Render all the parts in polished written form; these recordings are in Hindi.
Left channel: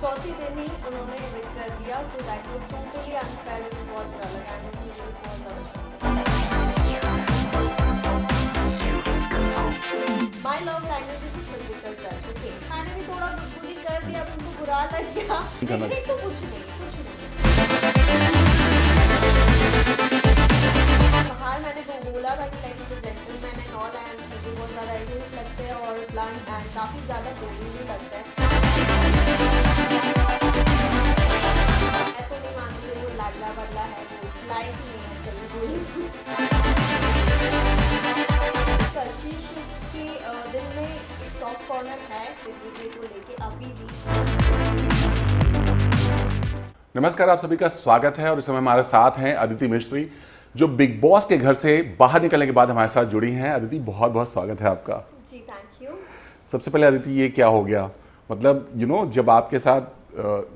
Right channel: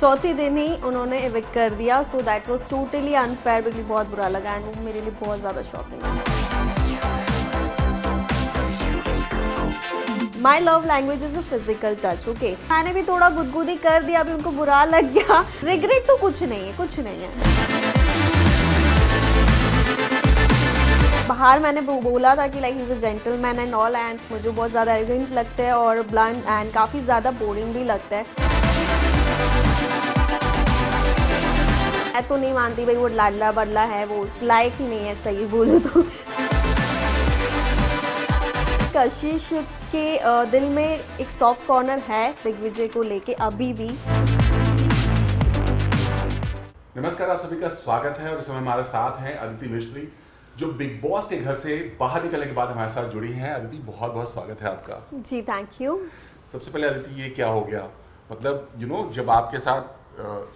चौथे दिन ही उन्होंने इविक्ट कर दिया। So that was totally unfair, मुझे बहुत बुरा लगा एंड मेरे लिए बहुत ज़्यादा शॉकिंग था। माई love language is a physical touch. Okay, मैंने भी थोड़ा गुदगुदी कर दिया, अभी उनको बुरा लग गया। रिग्रेट तो कुछ नहीं है, कुछ नहीं है। बाहर मैंने बोला था कि like is a gentleman and all, and मुझे बहुत ज़्यादा एरोगेंट लगता है और ब्लंट एंड काफ़ी ज़्यादा बोरिंग भी लगता है। मैं तो नहीं मानती भाई वो लाडला बदला है, वो उस लायक ही नहीं है, सही बोलूँ तो। कशिश के दिल में एक सॉफ्ट कॉर्नर है दिग्विजय को लेके अभी भी। नमस्कार, आप सभी का स्वागत है और इस समय हमारे साथ हैं अदिति मिस्त्री, जो बिग बॉस के घर से बाहर निकलने के बाद हमारे साथ जुड़ी हैं। अदिति, बहुत बहुत स्वागत है आपका। जी थैंक यू। सबसे पहले अदिति, ये क्या हो गया? मतलब जब आपके साथ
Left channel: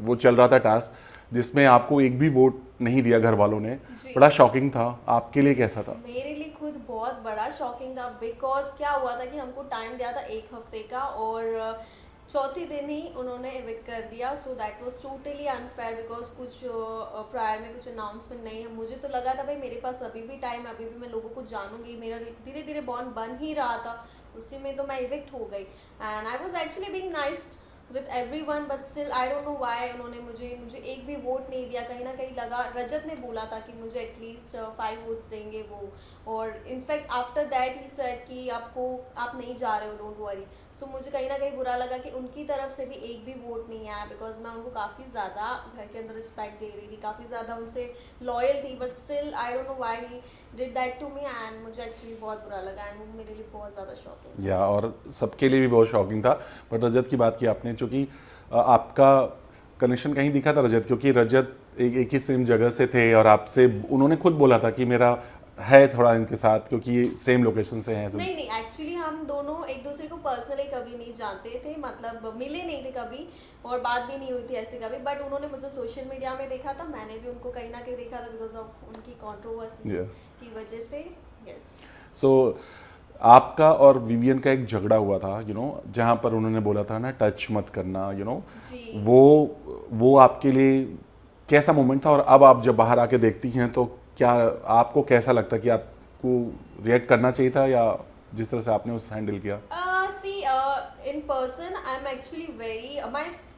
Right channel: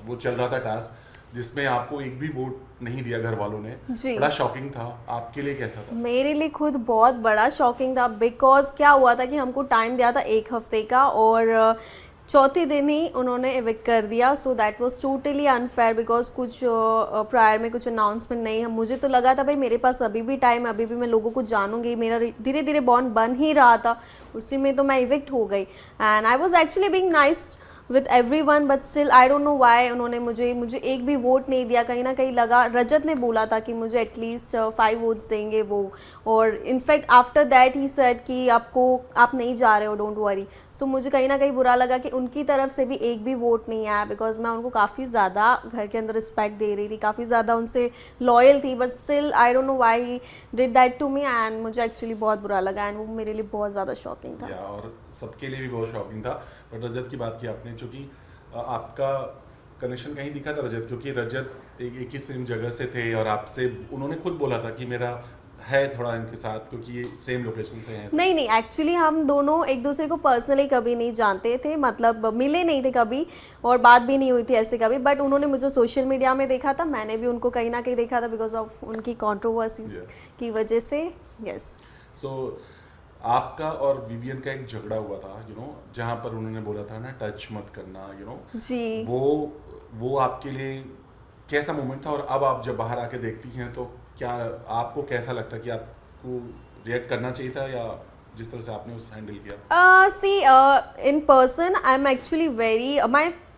वो चल रहा था टास्क जिसमें आपको एक भी वोट नहीं दिया घर वालों ने, बड़ा शॉकिंग था। आपके लिए कैसा था? मेरे लिए खुद बहुत बड़ा शॉकिंग था, बिकॉज क्या हुआ था कि हमको टाइम दिया था 1 हफ्ते का और चौथे दिन ही उन्होंने इविक्ट कर दिया। So that was totally unfair, because कुछ प्रायर में कुछ अनाउंसमेंट नहीं है। मुझे तो लगा था भाई मेरे पास अभी भी टाइम, अभी भी मैं लोगों को जानूंगी, मेरा धीरे धीरे बॉन्ड बन ही रहा था, उसी में तो मैं इविक्ट हो गई। And I was actually being nice with every one, but still I don't know why उन्होंने मुझे एक भी वोट नहीं दिया। कहीं ना कहीं लगा, रजत ने बोला था कि मुझे एटलीस्ट 5 वोट्स देंगे वो, और in fact after that he said कि आप नहीं जा रहे हो, डोंट वरी। सो मुझे कहीं ना कहीं बुरा लगा कि उनकी तरफ से भी एक भी वोट नहीं आया, बिकॉज मैं उनको काफ़ी ज़्यादा घर के अंदर रिस्पेक्ट दे रही थी, काफ़ी ज़्यादा उनसे लॉयल थी, but still I don't know why he did that to me, and मुझे एक्चुअली बहुत बुरा लगा एंड वो मेरे लिए बहुत ज़्यादा शॉकिंग था। और सबके लिए भी बहुत शॉकिंग था। बट रजत की बात की आपने, क्योंकि आपका कनेक्शन कहीं दिखा था रजत, क्योंकि रजत एक ही सेम जगह से थे और आपसे उन्होंने खुद बोला था कि मेरा है थोड़ा इनके साथ, क्योंकि सेम लोकेशन से हैं। नहीं, एक्चुअली हम दोनों एक दूसरे को पर्सनली कभी नहीं जानते थे, मतलब मिले नहीं थे कभी और बात भी नहीं हुई थी ऐसे कभी, बट उन्होंने मुझे सोशल मीडिया में देखा था, मैंने भी उनको कहीं ना कहीं देखा था बिकॉज ऑफ उनकी कंट्रोवर्सीज की वजह से। यस। सो आपका और विवियन का एक झगड़ा हुआ था, जहां पर उन्होंने बोला था ना, टच मत करना, जी। वो आपके लिए कैसा मोमेंट था? और अब आप जब बाहर आके देखती हैं तो क्या आपको कैसा लगता है कि आपको रिएक्ट करना चाहिए था, या जिस तरह से आपने उस हैंडल किया? See in person I am actually very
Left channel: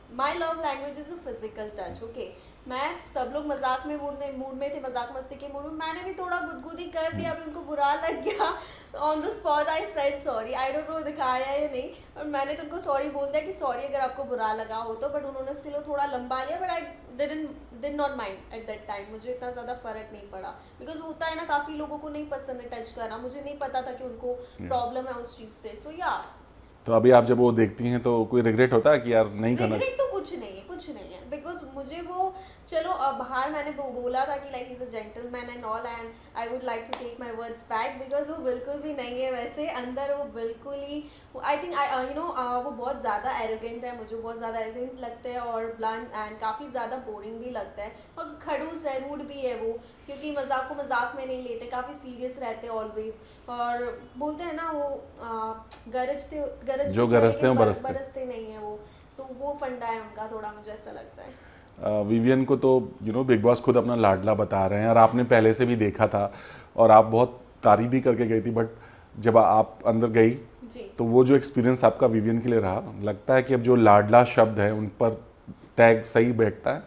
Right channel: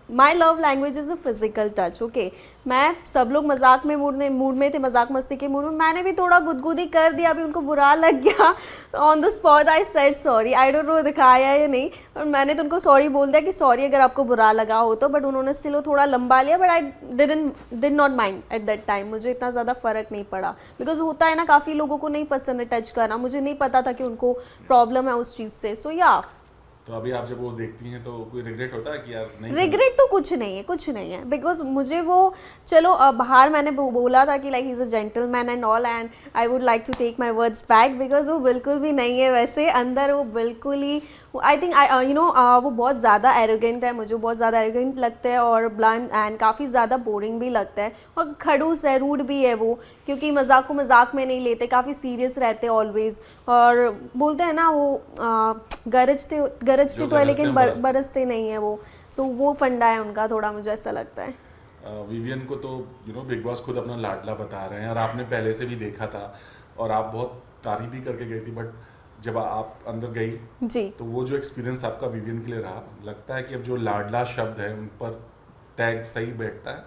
my love language is a physical touch. Okay, मैं सब लोग मजाक में मूड में थे, मजाक मस्ती के मूड में, मैंने भी थोड़ा गुदगुदी कर दिया, अभी उनको बुरा लग गया। On the spot I said sorry, I don't no दिखाया या नहीं, और मैंने तो उनको सॉरी बोल दिया कि सॉरी अगर आपको बुरा लगा हो तो, बट उन्होंने स्टिल वो थोड़ा लंबा लिया, but I did not mind at that time. मुझे इतना ज़्यादा फर्क नहीं पड़ा, बिकॉज होता है ना, काफ़ी लोगों को नहीं पसंद है टच करना, मुझे नहीं पता था कि उनको प्रॉब्लम है उस चीज़ से। सो या तो अभी आप जब वो देखती हैं तो कोई रिग्रेट होता है कि यार नहीं? रिग्रेट तो कुछ नहीं है, बिकॉज मुझे वो, चलो बाहर मैंने बोला था कि like is a gentleman and all, and I would like to take my words back, because वो बिल्कुल भी नहीं है वैसे, अंदर वो बिल्कुल ही, आई थिंक वो बहुत ज़्यादा एरोगेंट है, मुझे बहुत ज़्यादा एरोगेंट लगता है और ब्लंट एंड काफ़ी ज़्यादा बोरिंग भी लगता है, और खड़ूस है, रूड भी है वो, क्योंकि मजाक को मजाक में नहीं लेते, काफ़ी सीरियस रहते हैं ऑलवेज, और बोलते हैं ना वो गरजते तो है लेकिन बरसते नहीं है वो। सो वो फंडा है उनका थोड़ा, मुझे ऐसा लगता है। विवियन को तो बिग बॉस खुद अपना लाडला बता रहे हैं, और आपने पहले से भी देखा था और आप बहुत तारीफ भी करके गई थी, बट जब आप अंदर गई जी, तो वो जो एक्सपीरियंस आपका विवियन के लिए रहा, लगता है कि अब जो लाडला शब्द है उन पर टैग सही बैठता है?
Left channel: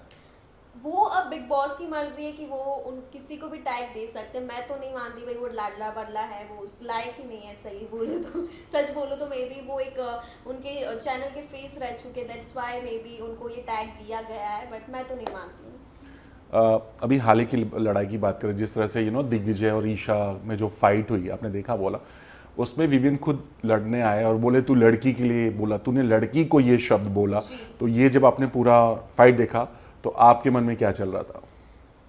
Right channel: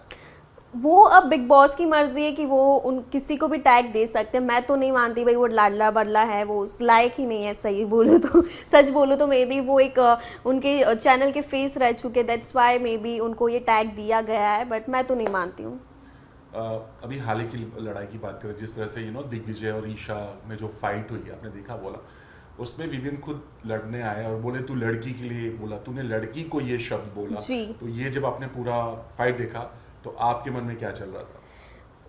वो अब बिग बॉस की मर्जी है कि वो उन किसी को भी टैग दे सकते हैं, मैं तो नहीं मानती भाई वो लाडला बदला है, वो उस लायक ही नहीं है, सही बोलूँ तो। सच बोलूँ तो मे बी वो एक उनके चैनल के फेस रह चुके, दैट्स वाई मे बी उनको ये टैग दिया गया है, बट मैं तो नहीं मानती हूँ। अभी हाल ही की लड़ाई की बात करें, जिस तरह से दिग्विजय और ईशा में जो फाइट हुई, आपने देखा बोला, उसमें विवियन खुद लड़ने आए और बोले तू लड़की के लिए बोला, तूने लड़की को ये शब्द बोला। तो ये जब आपने पूरा फाइट देखा तो आपके मन में क्या चल रहा था?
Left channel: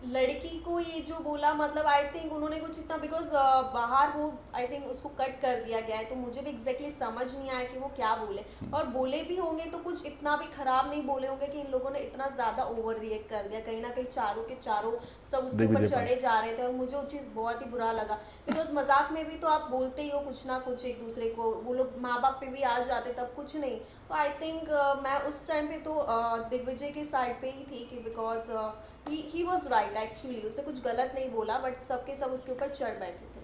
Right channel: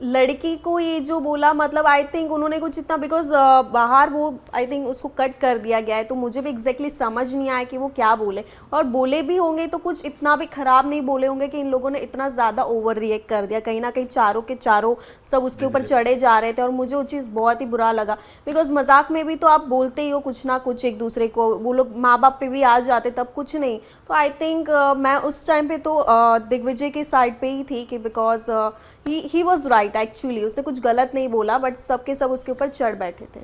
लड़की को ये जो बोला, मतलब आई थिंक उन्होंने कुछ इतना, बिकॉज बाहर वो आई थिंक उसको कट कर दिया गया है, तो मुझे भी एग्जैक्टली समझ नहीं आया कि वो क्या बोले, और बोले भी होंगे तो कुछ इतना भी खराब नहीं बोले होंगे कि इन लोगों ने इतना ज़्यादा ओवर रिएक्ट कर दिया। कहीं ना कहीं चारों के चारों सब उसके ऊपर चढ़े जा रहे थे, और मुझे वो चीज़ बहुत ही बुरा लगा, बिकॉज मजाक में भी तो आप बोलते ही हो कुछ ना कुछ एक दूसरे को, वो लोग माँ बाप पे भी आ जाते तब कुछ नहीं। तो आई थिंक मैं उस टाइम पे तो दिग्विजय की साइड पे ही थी कि because he was right actually, उसने कुछ गलत नहीं बोला, बट सबके सब उसके ऊपर चढ़ बैठे थे।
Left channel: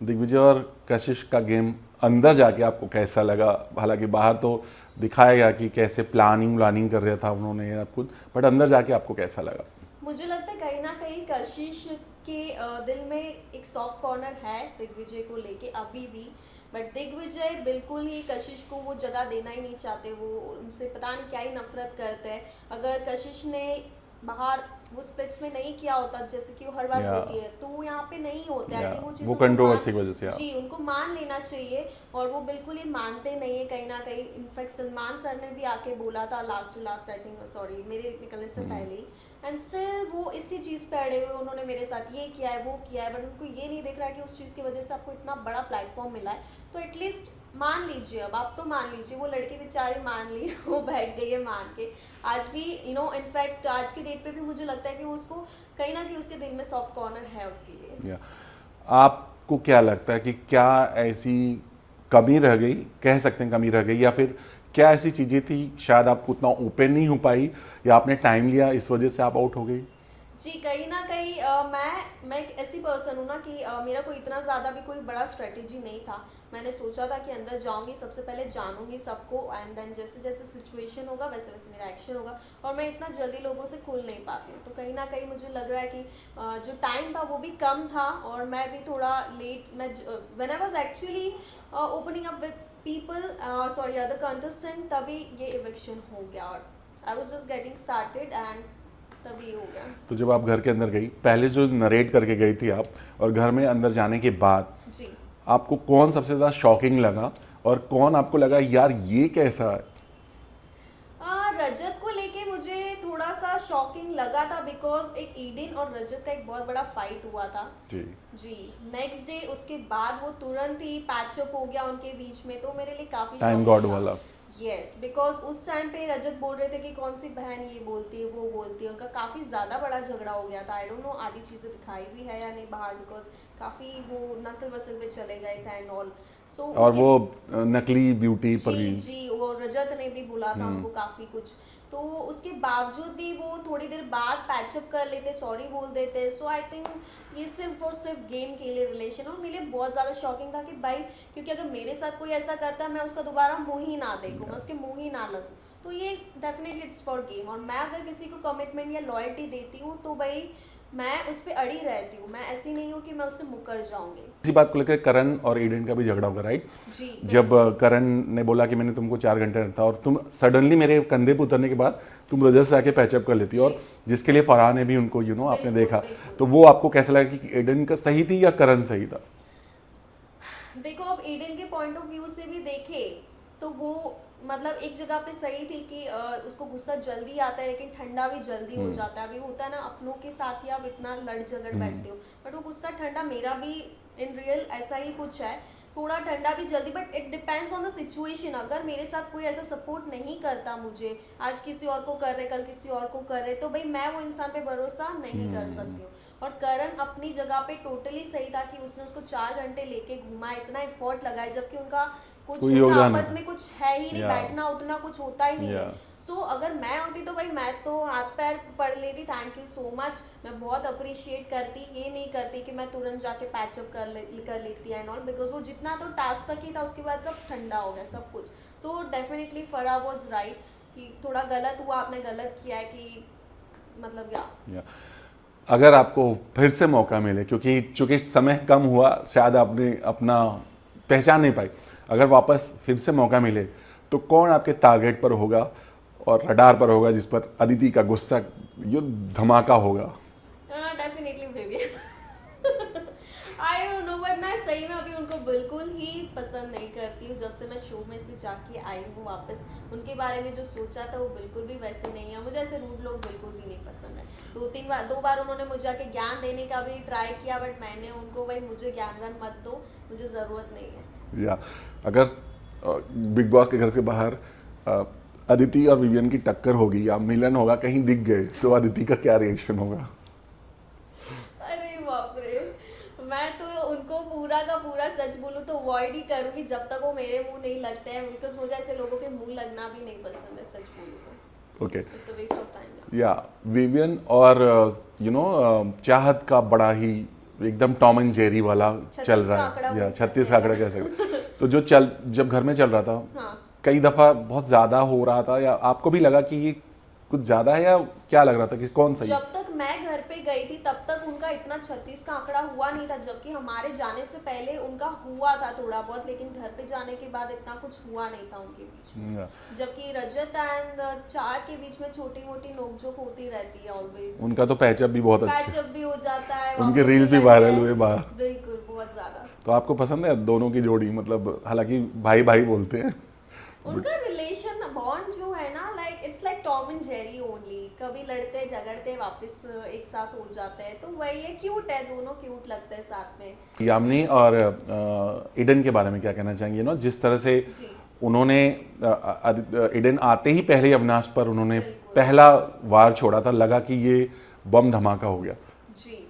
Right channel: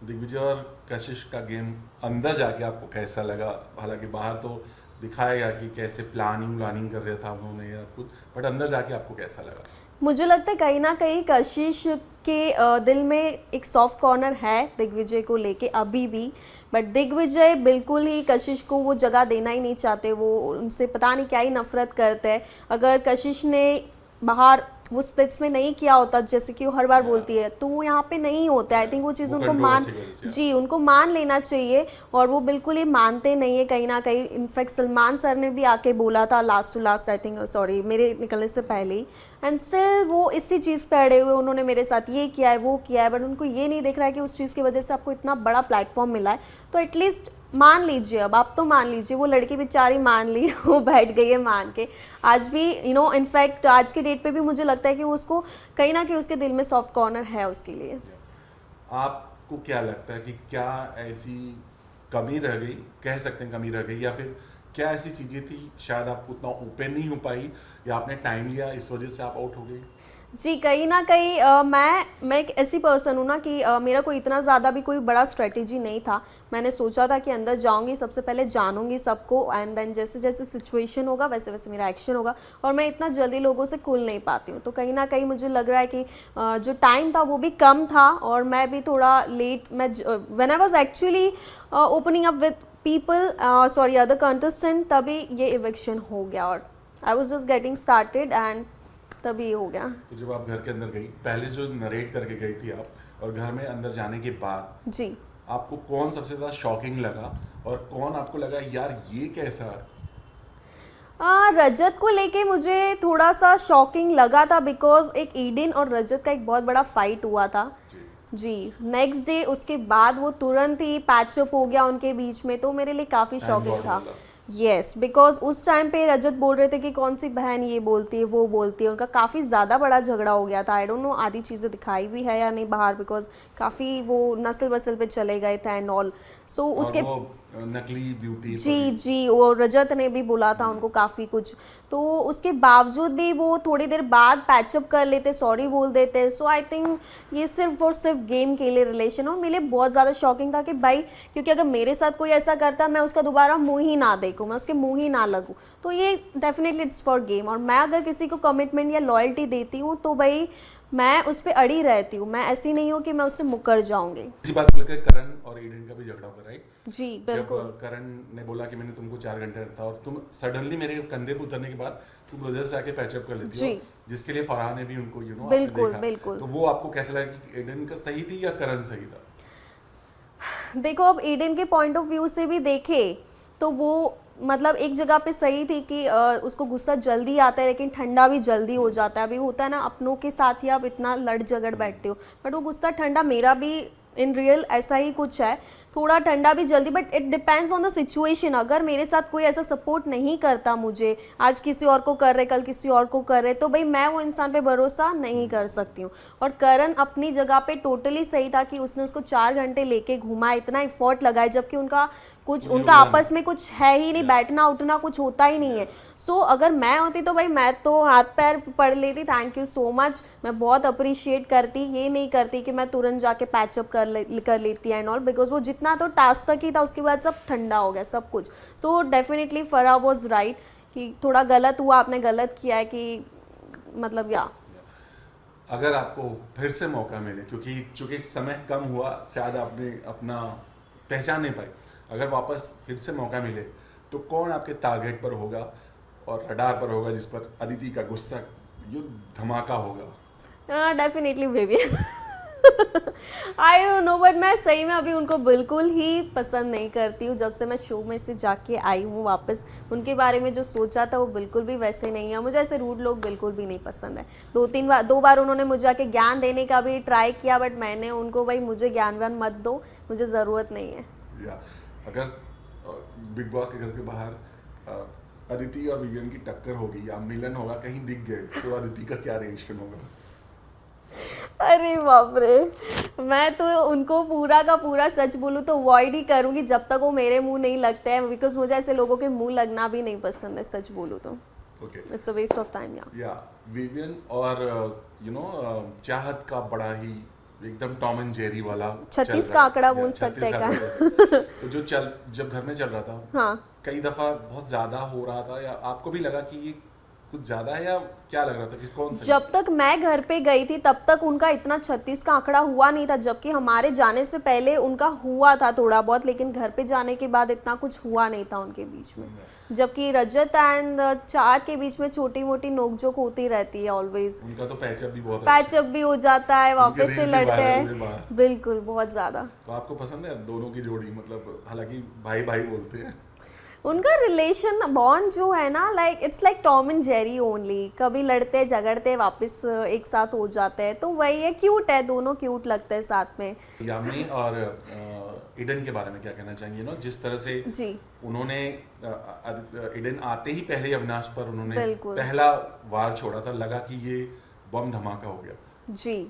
दिग्विजय और कशिश का गेम अंदर जाके आपको कैसा लगा? हालांकि बाहर तो दिखाया गया कि कैसे प्लानिंग कर रहा था उन्होंने या खुद, बट अंदर जाके आपको कैसा लगा? मुझे लगता है कहीं ना कहीं कशिश के दिल में एक सॉफ्ट कॉर्नर है दिग्विजय को लेके अभी भी, बट दिग्विजय बिल्कुल ही कशिश को वो जगह देना ही नहीं चाहते, वो उनसे पता नहीं क्या ही नफरत करते हैं। अगर कशिश ने बाहर वो स्प्लिट्स में नहीं किया होता जैसे कि वो हर बार बोलती है, तो वो यहाँ पे नहीं होता। आई थिंक वो चीज़ उनको मान लेना चाहिए, और वो बिल्कुल ही मानते नहीं है कहीं ना कहीं। इनफैक्ट सलमान सर ने भी आके बोला था last to last, I think sorry मेरे निकलने से पहले ही, एंड स्टिल वो इसी चीज़ पे अड़े हुए, उन्होंने मेरे साथ ये किया है वो किया है, बट उनको ये नहीं दिख रहा है कि उस चीज़ की वजह से आपको इतना बड़ा प्लेटफॉर्म मिला है, तो एटलीस्ट मान लीजिए। अब आप तो मान लीजिए, वो लड़की बेचारी मान ली, वो बैठ गई है मान के। आज भी इनफैक्ट आज के डेट पे भी मुझे लगता है कि उसको कहीं ना कहीं उसके दिल में सॉफ्ट कॉर्नर है उसके लिए। आपको क्या लगता है कि क्या ऐसी कमी रह गई, कह सकते हैं कमी रह गई, या फिर क्या ऐसी चीज़ें थी शायद आपको उतना ओपन नहीं हो पाई, या आपने टाइम लिया इस वजह से आप आउट हो गई? जी, कहीं ना कहीं मैं एक ऐसी पर्सन हूँ ना कि मेरा कोई इतना ज़्यादा भी कोई बड़ा स्ट्रेटेजी नहीं था। मैंने सोचा था कि अंदर जाऊंगी, सबसे पहले जानूंगी सबको, एंड देन जैसे जैसे सिचुएशन होगा वैसे वैसे मेरा एक्शन होगा, और मैं इतना जल्दी लोगों से खुल नहीं पाती हूँ। तो कहीं ना कहीं मुझे लग रहा है कि जो टाइम था वो भी कम था, और मैं भी थोड़ा लेट, मैं when I was actually opening up with people, sorry other contestant, तभी ये इविक्शन हो गया, और I was just getting started and तभी हो गया। तो जब आप घर के अंदर गई, पहले जो नरेट करके गई थी आप, और घर में अंदर जाने के बाद जी, आपको कौन सबसे ज़्यादा शॉकिंग लगा, और कौन आपको लगा यार ये कैसा है? रजत को लेके मुझे थोड़ा सा शॉकिंग लगा था, बिकॉज एक ईडन और रजत का एक बहुत बड़ा फाइट हुआ था। जी, नेक्स्ट डे उसके बाद वो तुरंत ही पैचअप हो गया उनके बीच में, तो मेरे लिए काफ़ी शॉकिंग था। यस, बिकॉज उस टाइम पे रजत बोल रहे थे कि कौन सी बहन ये बोलती है वो बोलती है, उनका काफ़ी ज़्यादा बड़ा झगड़ा हो गया था। आई डोंट नो आधी चीज़ें दिखाई भी है या नहीं बाहर, बिकॉज काफ़ी वो नस्ल वसल पे चले गए थे एंड ऑल। सो उसके वो नकली ब्यूटी जी, वो रजत ने भी बोला था उनको काफ़ी कुछ, तो उसके बावजूद भी वो थोड़ी देर बाद पैचअप कर लेते, सॉरी बोल देते। सो आई थिंक ये सिर्फ और सिर्फ गेम के लिए रिलेशन, और मेरे लिए बहुत ज़्यादा शॉकिंग था कि भाई, क्योंकि अगर मेरे साथ कोई ऐसा करता मैं उसका दोबारा मुंह ही ना देखूँ, मैं उसके मुंह ही ना लगूँ, तो ये डेफिनेटली इट्स फॉर गेम। और मैं अगर किसी को कमिटमेंट या लॉयल्टी देती हूँ तो भाई मैं उस पर अड़ी रहती हूँ, मैं ऐसी नहीं हूँ कि मैं उससे मुकर जाऊंगी। इसी बात को लेकर करण और ईडन का भी झगड़ा होगा, राइट? जी, जब करण ने बोला कि मैंने तुमको 4 घंटे रखा, और तुम सडनली मेरे कंधे पे उतरने के बाद तुम रजत से आके पैचअप कर लेती हो, जिसके लिए फराह ने भी उनको आपने देखा, तो वो आपको कैसा लगा कि ईडन का सही थी या करण सही था? देखो, अब ईडन के पॉइंट ऑफ व्यू से भी देखे तो वो मतलब एक जगह पे सही थी कि उसको गुस्सा जल्दी आता है लेकिन ठंडा भी जल्दी हो जाता है। अभी होता है ना, अपनों के साथ ही आप इतना लड़ झगड़ बैठते हो, बट वो गुस्सा ठंडा, मेरा भी इन रियल ऐसा ही कुछ है, थोड़ा ठंडा भी जल्दी, but it depends on the situation. अगर मेरे साथ कोई ऐसा सपोर्ट नहीं करता मुझे, आज किसी और को कर रहे कल किसी और को कर रहे, तो भाई मैं वो इंसान पे भरोसा नहीं कर सकती हूँ। और करण अपनी जगह पे टोटली सही था कि उसने उसको 4 घंटे लेके घुमा, इतना एफर्ट लगाए, जबकि उनका कुछ उनका आपस में कुछ है ही नहीं, बैठना उठना कुछ होता ही नहीं है। सो अगर मैं होती तो भाई मैं तो हाथ पैर पढ़ लेती, थैंक यू सो मच, मैं बहुत अप्रिशिएट करती, ये नहीं करती कि मैं तुरंत जाके पैचअप कर लेती एंड ऑल, बिकॉज वो जितना तो टास्क तक ही था, उसके बाद सब ठंडा हो गया सब कुछ। So definitely Farah was right कि थोड़ा गलत हुआ, आपने गलत किया है कि मतलब अगर आपको फिर से मौका मिले, क्योंकि चूंकि समय कम हुआ, शायद आपने अपना पहचान नहीं पाई, अगर वापस फिर से मौका मिले तो कौन आपके टारगेट पर होगा और रडार पर होगा जिस पर अदिति का गुस्सा धमाका होगा? Definitely Vivian. I don't no, but मैं सही में अभी उनको बिल्कुल ही पसंद नहीं करती हूँ। जब से मैं शो में से जाके आई हूँ वापस, उनके बारे में जो सोचा था वो बिल्कुल भी वैसे नहीं है। मुझे ऐसे रूड लोग बिल्कुल भी नहीं पसंद है। दो बार उन्होंने मुझे आके ज्ञान देने का भी ट्राई किया, बट मैंने उनको, भाई मुझे ज्ञान व्यान मत दो, मुझे ज़रूरत नहीं है। या अगर बिग बॉस के घर के बाहर अदिति और विवियन की टक्कर होगी या मिलन होगा, कहीं दिख गए, तो अदिति का क्या रिएक्शन होगा? अरे बाप रे, मैं तो उनको पूरा का पूरा सच बोलूँ तो अवॉइड ही करूँगी जब तक वो मेरे मुंह नहीं लगते हैं, बिकॉज मुझे ऐसे लोगों के मुंह लगना भी नहीं पसंद है, सच बोलूँ तो। Okay, it's a waste of time. या विवियन और चाहत का बड़ा ही एकदम टॉम एंड जेरी वाला चल 36 रहा का आंकड़ा है, बोल 36 सकते का हैं आंकड़ा कह सकते। तो जो जब घर में चल रहा था, हाँ, कई दफा बहुत ज्यादा हो रहा था, या आपको भी लगा कि ये कुछ ज्यादा है, या क्या लग रहा था कि कौन सही? जब तक मैं घर पे गई थी तब तक उनका इतना 36 का आंकड़ा हुआ नहीं था, जबकि हमारे जाने से पहले उनका हुआ था थोड़ा बहुत, लेकिन घर पे जाने के बाद इतना कुछ हुआ नहीं था उनके बीच में। जबकि रजत एंड चार के बीच में छोटी मोटी नोकझोंक होती रहती है ऑलवेज। उनका तो पैचअप भी बहुत अच्छा, पैचअप भी हो जाता है, उनके वापस से रील्स भी लड़ते वायरल हुए हैं। बाहर। बिल्कुल, बहुत ज्यादा। तो आपको पसंद है दोनों की जोड़ी? मतलब हालांकि भाई भाई बोलते हैं, उनका रिलेशन बॉन्ड जो है ना, like it's like Tom and Jerry only. कभी लड़ते झगड़ते वापस एक साथ हो जाते हैं, तो वही है, क्यूट है, दोनों क्यूट लगते हैं साथ में। यामिनी और इडन के बारे में क्या कहना चाहेंगे? जिस तरह से जी, उन्होंने इडन आते ही पहले ही अविनाश पर उन्होंने बिल्कुल। पहला वार छोड़ा था, लगा कि ये बम धमाका हो गया। जी।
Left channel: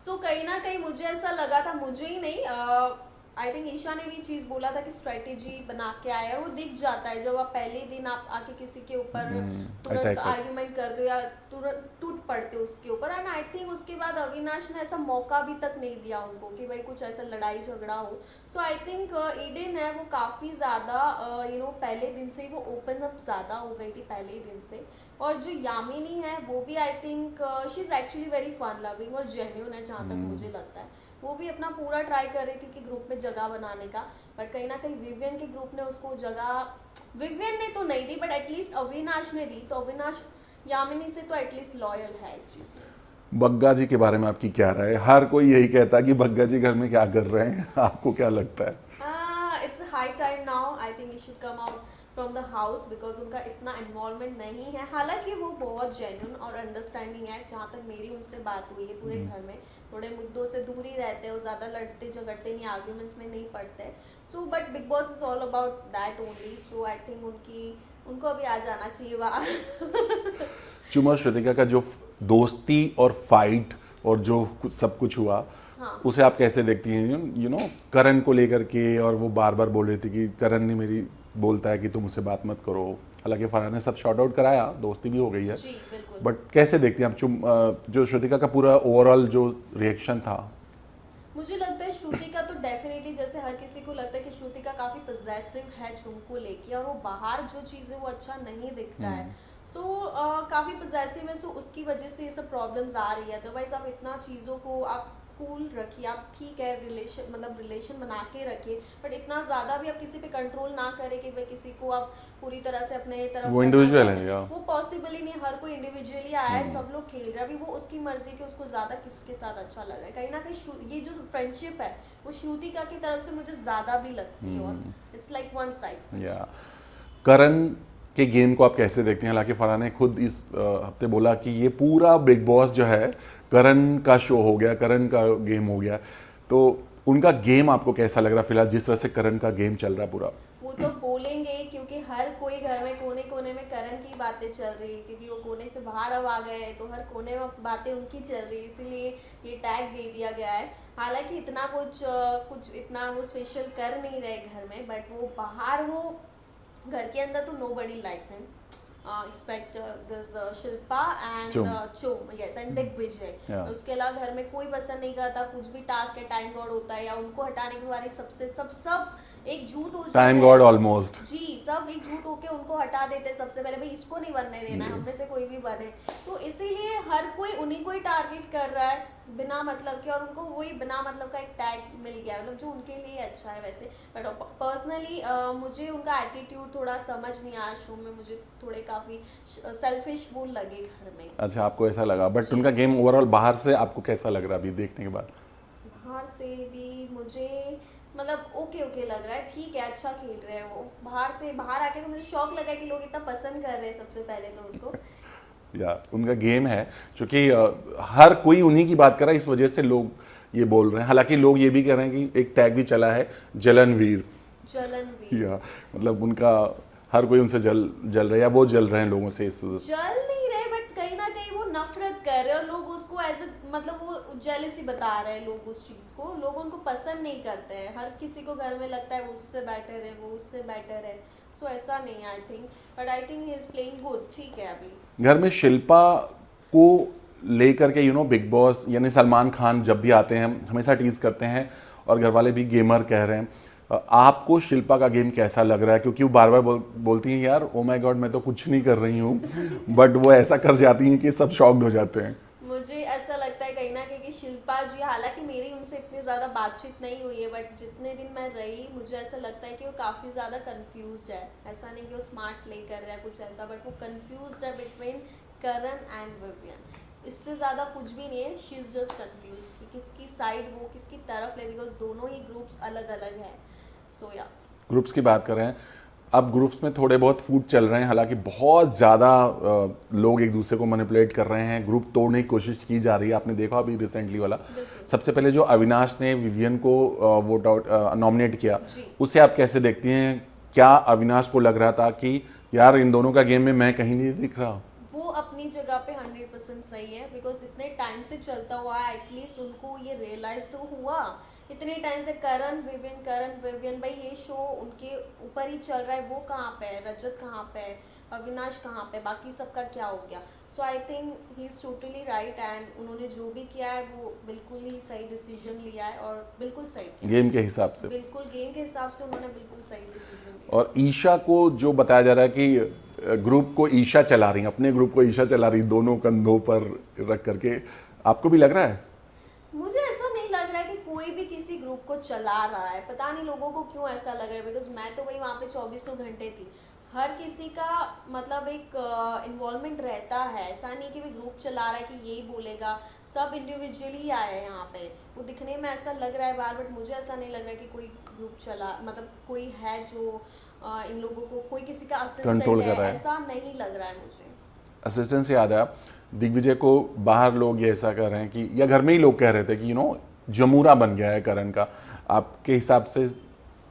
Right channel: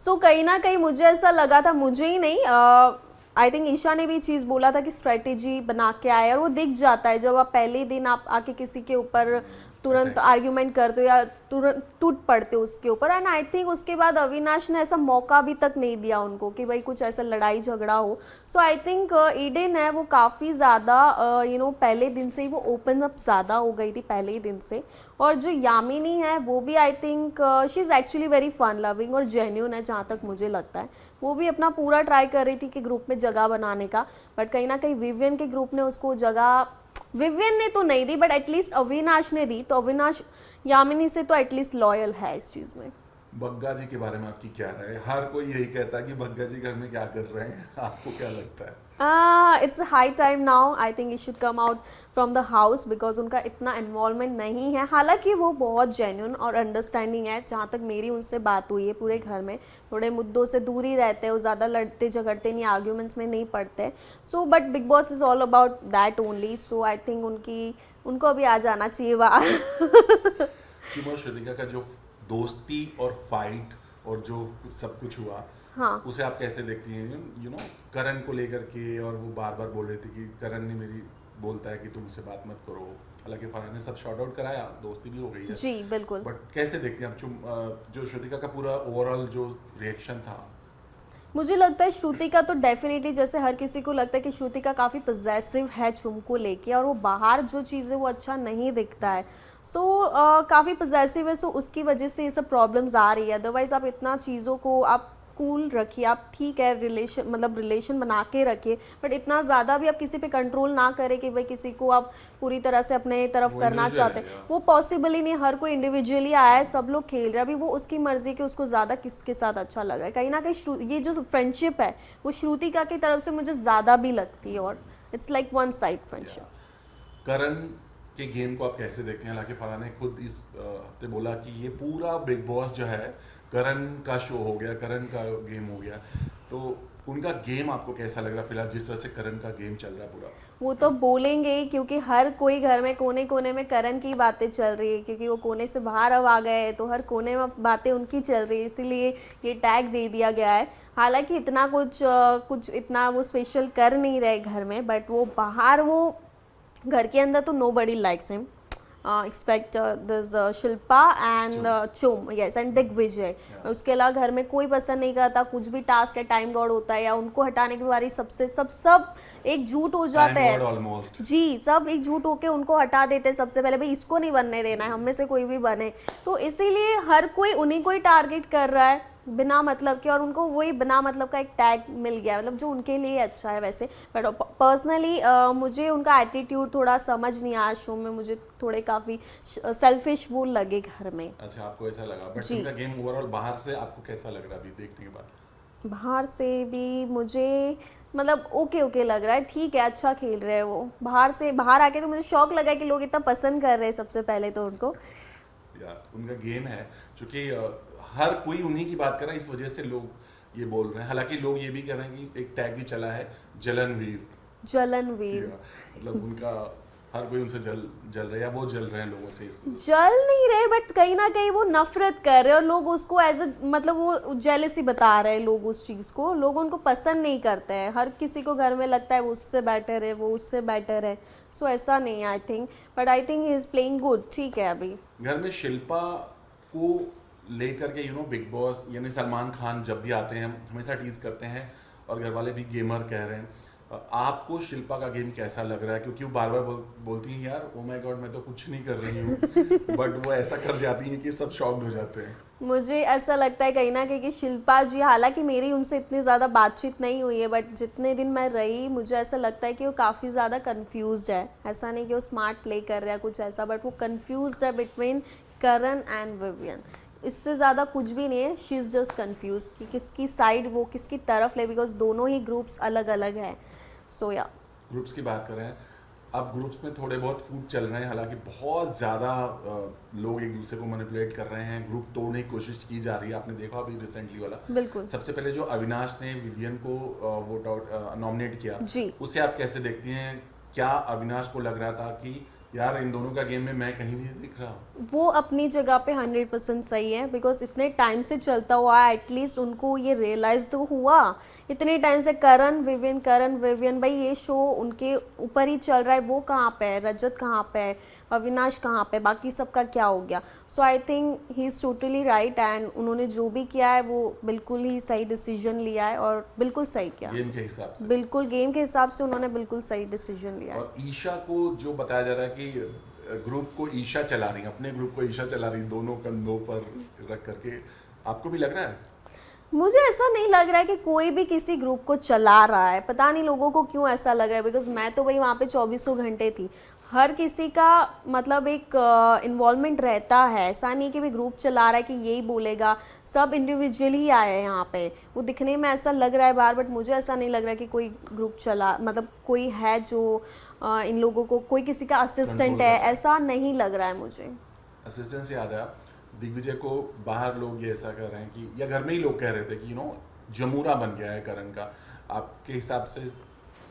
सो कहीं ना कहीं मुझे ऐसा लगा था, मुझे ही नहीं, आई थिंक ईशा ने भी चीज़ बोला था कि स्ट्रेटेजी बना के आए, और वो दिख जाता है जब आप पहले दिन आप आके किसी के ऊपर तुरंत attack आर्ग्यूमेंट करते हो या तुरंत टूट पड़ते हो उसके ऊपर। एंड आई थिंक उसके बाद अविनाश ने ऐसा मौका भी तक नहीं दिया उनको कि भाई कुछ ऐसा लड़ाई झगड़ा हो। सो आई थिंक ईडन है वो काफ़ी ज़्यादा पहले दिन से ही वो ओपन अप ज़्यादा हो गई थी, पहले ही दिन से। और जो यामिनी है वो भी I think she is actually very fun loving और जेन्यून है, जहाँ तक मुझे लगता है। वो भी अपना पूरा ट्राई कर रही थी कि ग्रुप में जगह बनाने का, बट कहीं ना कहीं विवियन के ग्रुप ने उसको जगह, विवियन ने तो नहीं दी बट एटलीस्ट अविनाश ने दी। तो अविनाश यामिनी से तो एटलीस्ट लॉयल है इस चीज़ में। बग्गा जी के बारे में आपकी क्या राय है? हर कोई यही कहता है कि बग्गा जी घर में क्या कर रहे हैं, आपको क्या लगता है? It's high time now, I think he should come out from the house, because उनका इतना इन्वॉल्वमेंट नहीं है। हालांकि वो बहुत जेन्यून और अंडरस्टैंडिंग है, जहाँ तक मेरी उनसे बात हुई है पूरे घर में। थोड़े मुद्दों से दूर ही रहते हैं, वो ज़्यादा लड़ते झगड़ते नहीं, आर्ग्यूमेंट्स में नहीं पड़ते। So but big boss is all about that only. So I think उनको अभी आ जाना चाहिए बाहर। चुमा और श्रुतिका का जो दोस्ती और फाइट और जो सब कुछ हुआ, हाँ, उसे आप कैसे देखती हैं? करण को लेकर के, और वो बार बार बोल रही थी कि करण ने मेरी बोलता है कि तुम उससे बात मत करो। हालांकि फरहान ने सब शॉर्ट आउट कराया, दोस्ती भी हो गई है। जी बिल्कुल। बट कैसे देखती हैं आप जो श्रुतिका का पूरा ओवरऑल जो रिएक्शन था? मुझे लगता है श्रुतिका तो डेफिनेटली, जैसे हर किसी को लगता है कि श्रुतिका काफ़ी पजेसिव है चुम को लेके, और वो बाहर जो चीज़ें वो अच्छा नहीं दिखता है। सो काफ़ी पजेसिव है, सो उसकी वजह से ये सब प्रॉब्लम्स आ रही है। अदरवाइज आप इतना चीज़ों को आप कूल रखिए, आप ठीक है रिलेशन बना के रखिए, बट इतना ज़्यादा भी आप किसी पे कंट्रोल ना करें कि भाई किसी को आप पूरी तरह से अपने तरफ वो करना individual चाहते है, हैं। या? वो पॉसिबल ही नहीं, हर कोई इंडिविजुअली आया है, सब लोग खेल रहे हैं। अभी वो उसकी मर्जी कि उसको ज़्यादा किसके साथ अच्छा लग रहा है। कहीं ना कहीं ये जो फ्रेंडशिप है वो श्रुतिका की तरफ से मुझे ज़्यादा भी लगती है, और it's like one side friendship. Karan के गेम को आप कैसे देखते हैं? हालांकि फरहान ने खुद इस हफ्ते बोला कि ये पूरा बिग बॉस जो है करण का शो हो गया, करण का गेम हो गया। तो उनका गेम आपको कैसा लग रहा है फिलहाल, जिस तरह से करण का गेम चल रहा है पूरा? वो तो बोलेंगे ही, क्योंकि हर कोई घर में कोने कोने में करण की बातें चल रही है, क्योंकि वो कोने से बाहर अब आ गए तो हर कोने में बातें उनकी चल रही है, इसीलिए ये टैग दे दिया गया है। हालांकि इतना कुछ इतना वो स्पेशल कर नहीं रहे घर में, बट वो बाहर, वो घर के अंदर तो nobody likes him expect this Shilpa and चुम, यस, एंड दिग्विजय। उसके अलावा घर में कोई पसंद नहीं करता, कुछ भी टास्क है टाइम गॉड होता है, या उनको हटाने की बारी सबसे सब एक झूठ हो जाता है। टाइम गॉड ऑलमोस्ट जी, सब एक झूठ होके उनको हटा देते हैं सबसे पहले, भाई इसको नहीं बनने देना है, हम में से कोई भी बने। तो इसीलिए हर कोई उन्हीं को ही टारगेट कर रहा है बिना मतलब के, और उनको वही बिना मतलब का एक टैग मिल गया, मतलब जो उनके लिए अच्छा है वैसे। बट पर्सनली मुझे उनका एटीट्यूड थोड़ा समझ नहीं आया शो में, मुझे थोड़े काफ़ी सेल्फिश वो लगे घर में। अच्छा, आपको ऐसा लगा? बट उनका गेम ओवरऑल बाहर से आपको कैसा लग रहा है अभी देखने के बाद? बाहर से भी मुझे मतलब ओके ओके लग रहा है, ठीक है, अच्छा खेल रहे हैं वो। बाहर आके तो मुझे शौक लगा कि लोग इतना पसंद कर रहे हैं सबसे पहले तो उनको। या उनका गेम है, क्योंकि हर कोई उन्हीं की बात कर रहा है, इस वजह से लोग ये बोल रहे हैं। हालांकि लोग ये भी कह रहे हैं कि एक टैग भी चला है जलनवीर, जलनवीर। या मतलब उनका हर कोई उनसे जल जल रहा है, या वो जल रहे हैं लोगों से इस जल नहीं रहे बट कहीं ना कहीं वो नफरत कर रहे हैं और लोग उसको एज अ मतलब वो जेलसी बता रहे हैं लोग उस चीज़ को। लोग उनको पसंद नहीं करते हैं, हर किसी को घर में लगता है वो उससे बेटर है, वो उससे बेटर है। सो ऐसा नहीं है I think, but I think he is playing good, ठीक है अभी। घर में शिल्पा को लेकर के बिग बॉस यानी सलमान खान जब भी आते हैं हमेशा टीज करते हैं, और घर वाले भी गेमर कह रहे हैं। आपको शिल्पा का गेम कैसा लग रहा है? क्योंकि वो बार बार बोलती हैं यार ओ माय गॉड मैं तो कुछ नहीं कर रही हूँ, बट वो ऐसा कर जाती हैं कि सब शॉक्ड हो जाते हैं। मुझे ऐसा लगता है कहीं ना कहीं कि शिल्पा जी, हालांकि मेरी उनसे इतनी ज़्यादा बातचीत नहीं हुई है, बट जितने दिन मैं रही मुझे ऐसा लगता है कि वो काफ़ी ज़्यादा कंफ्यूज्ड है। ऐसा नहीं कि वो स्मार्ट प्ले कर रहा है कुछ ऐसा, बट वो कंफ्यूज्ड है बिटवीन करण एंड विवियन। इससे ज़्यादा कुछ भी नहीं है, शी इज़ जस्ट कंफ्यूज कि किसकी साइड वो किसकी तरफ ले, बिकॉज दोनों ही ग्रुप्स अलग अलग हैं। सो या ग्रुप्स की बात कर रहे हैं, अब ग्रुप्स में थोड़े बहुत फूट चल रहे हैं, हालांकि बहुत ज़्यादा लोग एक दूसरे को मैनिपुलेट कर रहे हैं, ग्रुप तोड़ने की कोशिश की जा रही है। आपने देखा अभी रिसेंटली वाला, बिल्कुल। सबसे पहले जो अविनाश ने विवियन को वोट आउट नॉमिनेट किया, जी। उसे आप कैसे देखती हैं? क्या अविनाश को लग रहा था कि यार इन दोनों का गेम में मैं कहीं नहीं दिख रहा? वो अपनी जगह पे 100% सही है, बिकॉज इतने टाइम से चलता हुआ है, एटलीस्ट उनको ये रियलाइज तो हुआ इतने टाइम से। करण विवियन भाई ये शो उनके ऊपर ही चल रहा है, वो कहाँ पे है, रजत कहाँ पे है, अविनाश कहाँ पे, बाकी सबका क्या हो गया। So I think he is totally right, and उन्होंने जो भी किया है वो बिल्कुल ही सही डिसीजन लिया है और बिल्कुल सही किया। गेम के हिसाब से, बिल्कुल गेम के हिसाब से उन्होंने बिल्कुल सही डिसीजन लिया। और ईशा को जो बताया जा रहा है कि ग्रुप को ईशा चला रही, अपने ग्रुप को ईशा चला रही, दोनों कंधों पर रख करके, आपको भी लग रहा है? मुझे ऐसा नहीं लग रहा है कि कोई भी किसी ग्रुप को चला रहा है, पता नहीं लोगों को क्यों ऐसा लग रहा है, बिकॉज मैं तो भाई वहाँ पे 24 घंटे थी। हर किसी का मतलब एक इन्वॉल्वमेंट रहता है, ऐसा नहीं कि भी ग्रुप चला रहा है कि यही बोलेगा। सब इंडिविजुअली ही आए हैं यहाँ पे, वो दिखने में ऐसा लग रहा है बार, बट मुझे ऐसा नहीं लग रहा है कि कोई ग्रुप चला, मतलब कोई है जो इन लोगों को, कोई किसी का असिस्टेंट है, ऐसा नहीं लग रहा है मुझे। असिस्टेंट से याद है, दिग्विजय को बाहर लोग ये ऐसा कर रहे हैं कि, या घर में ही लोग कह रहे थे कि जमूरा बन गया है करण का, आपके हिसाब से?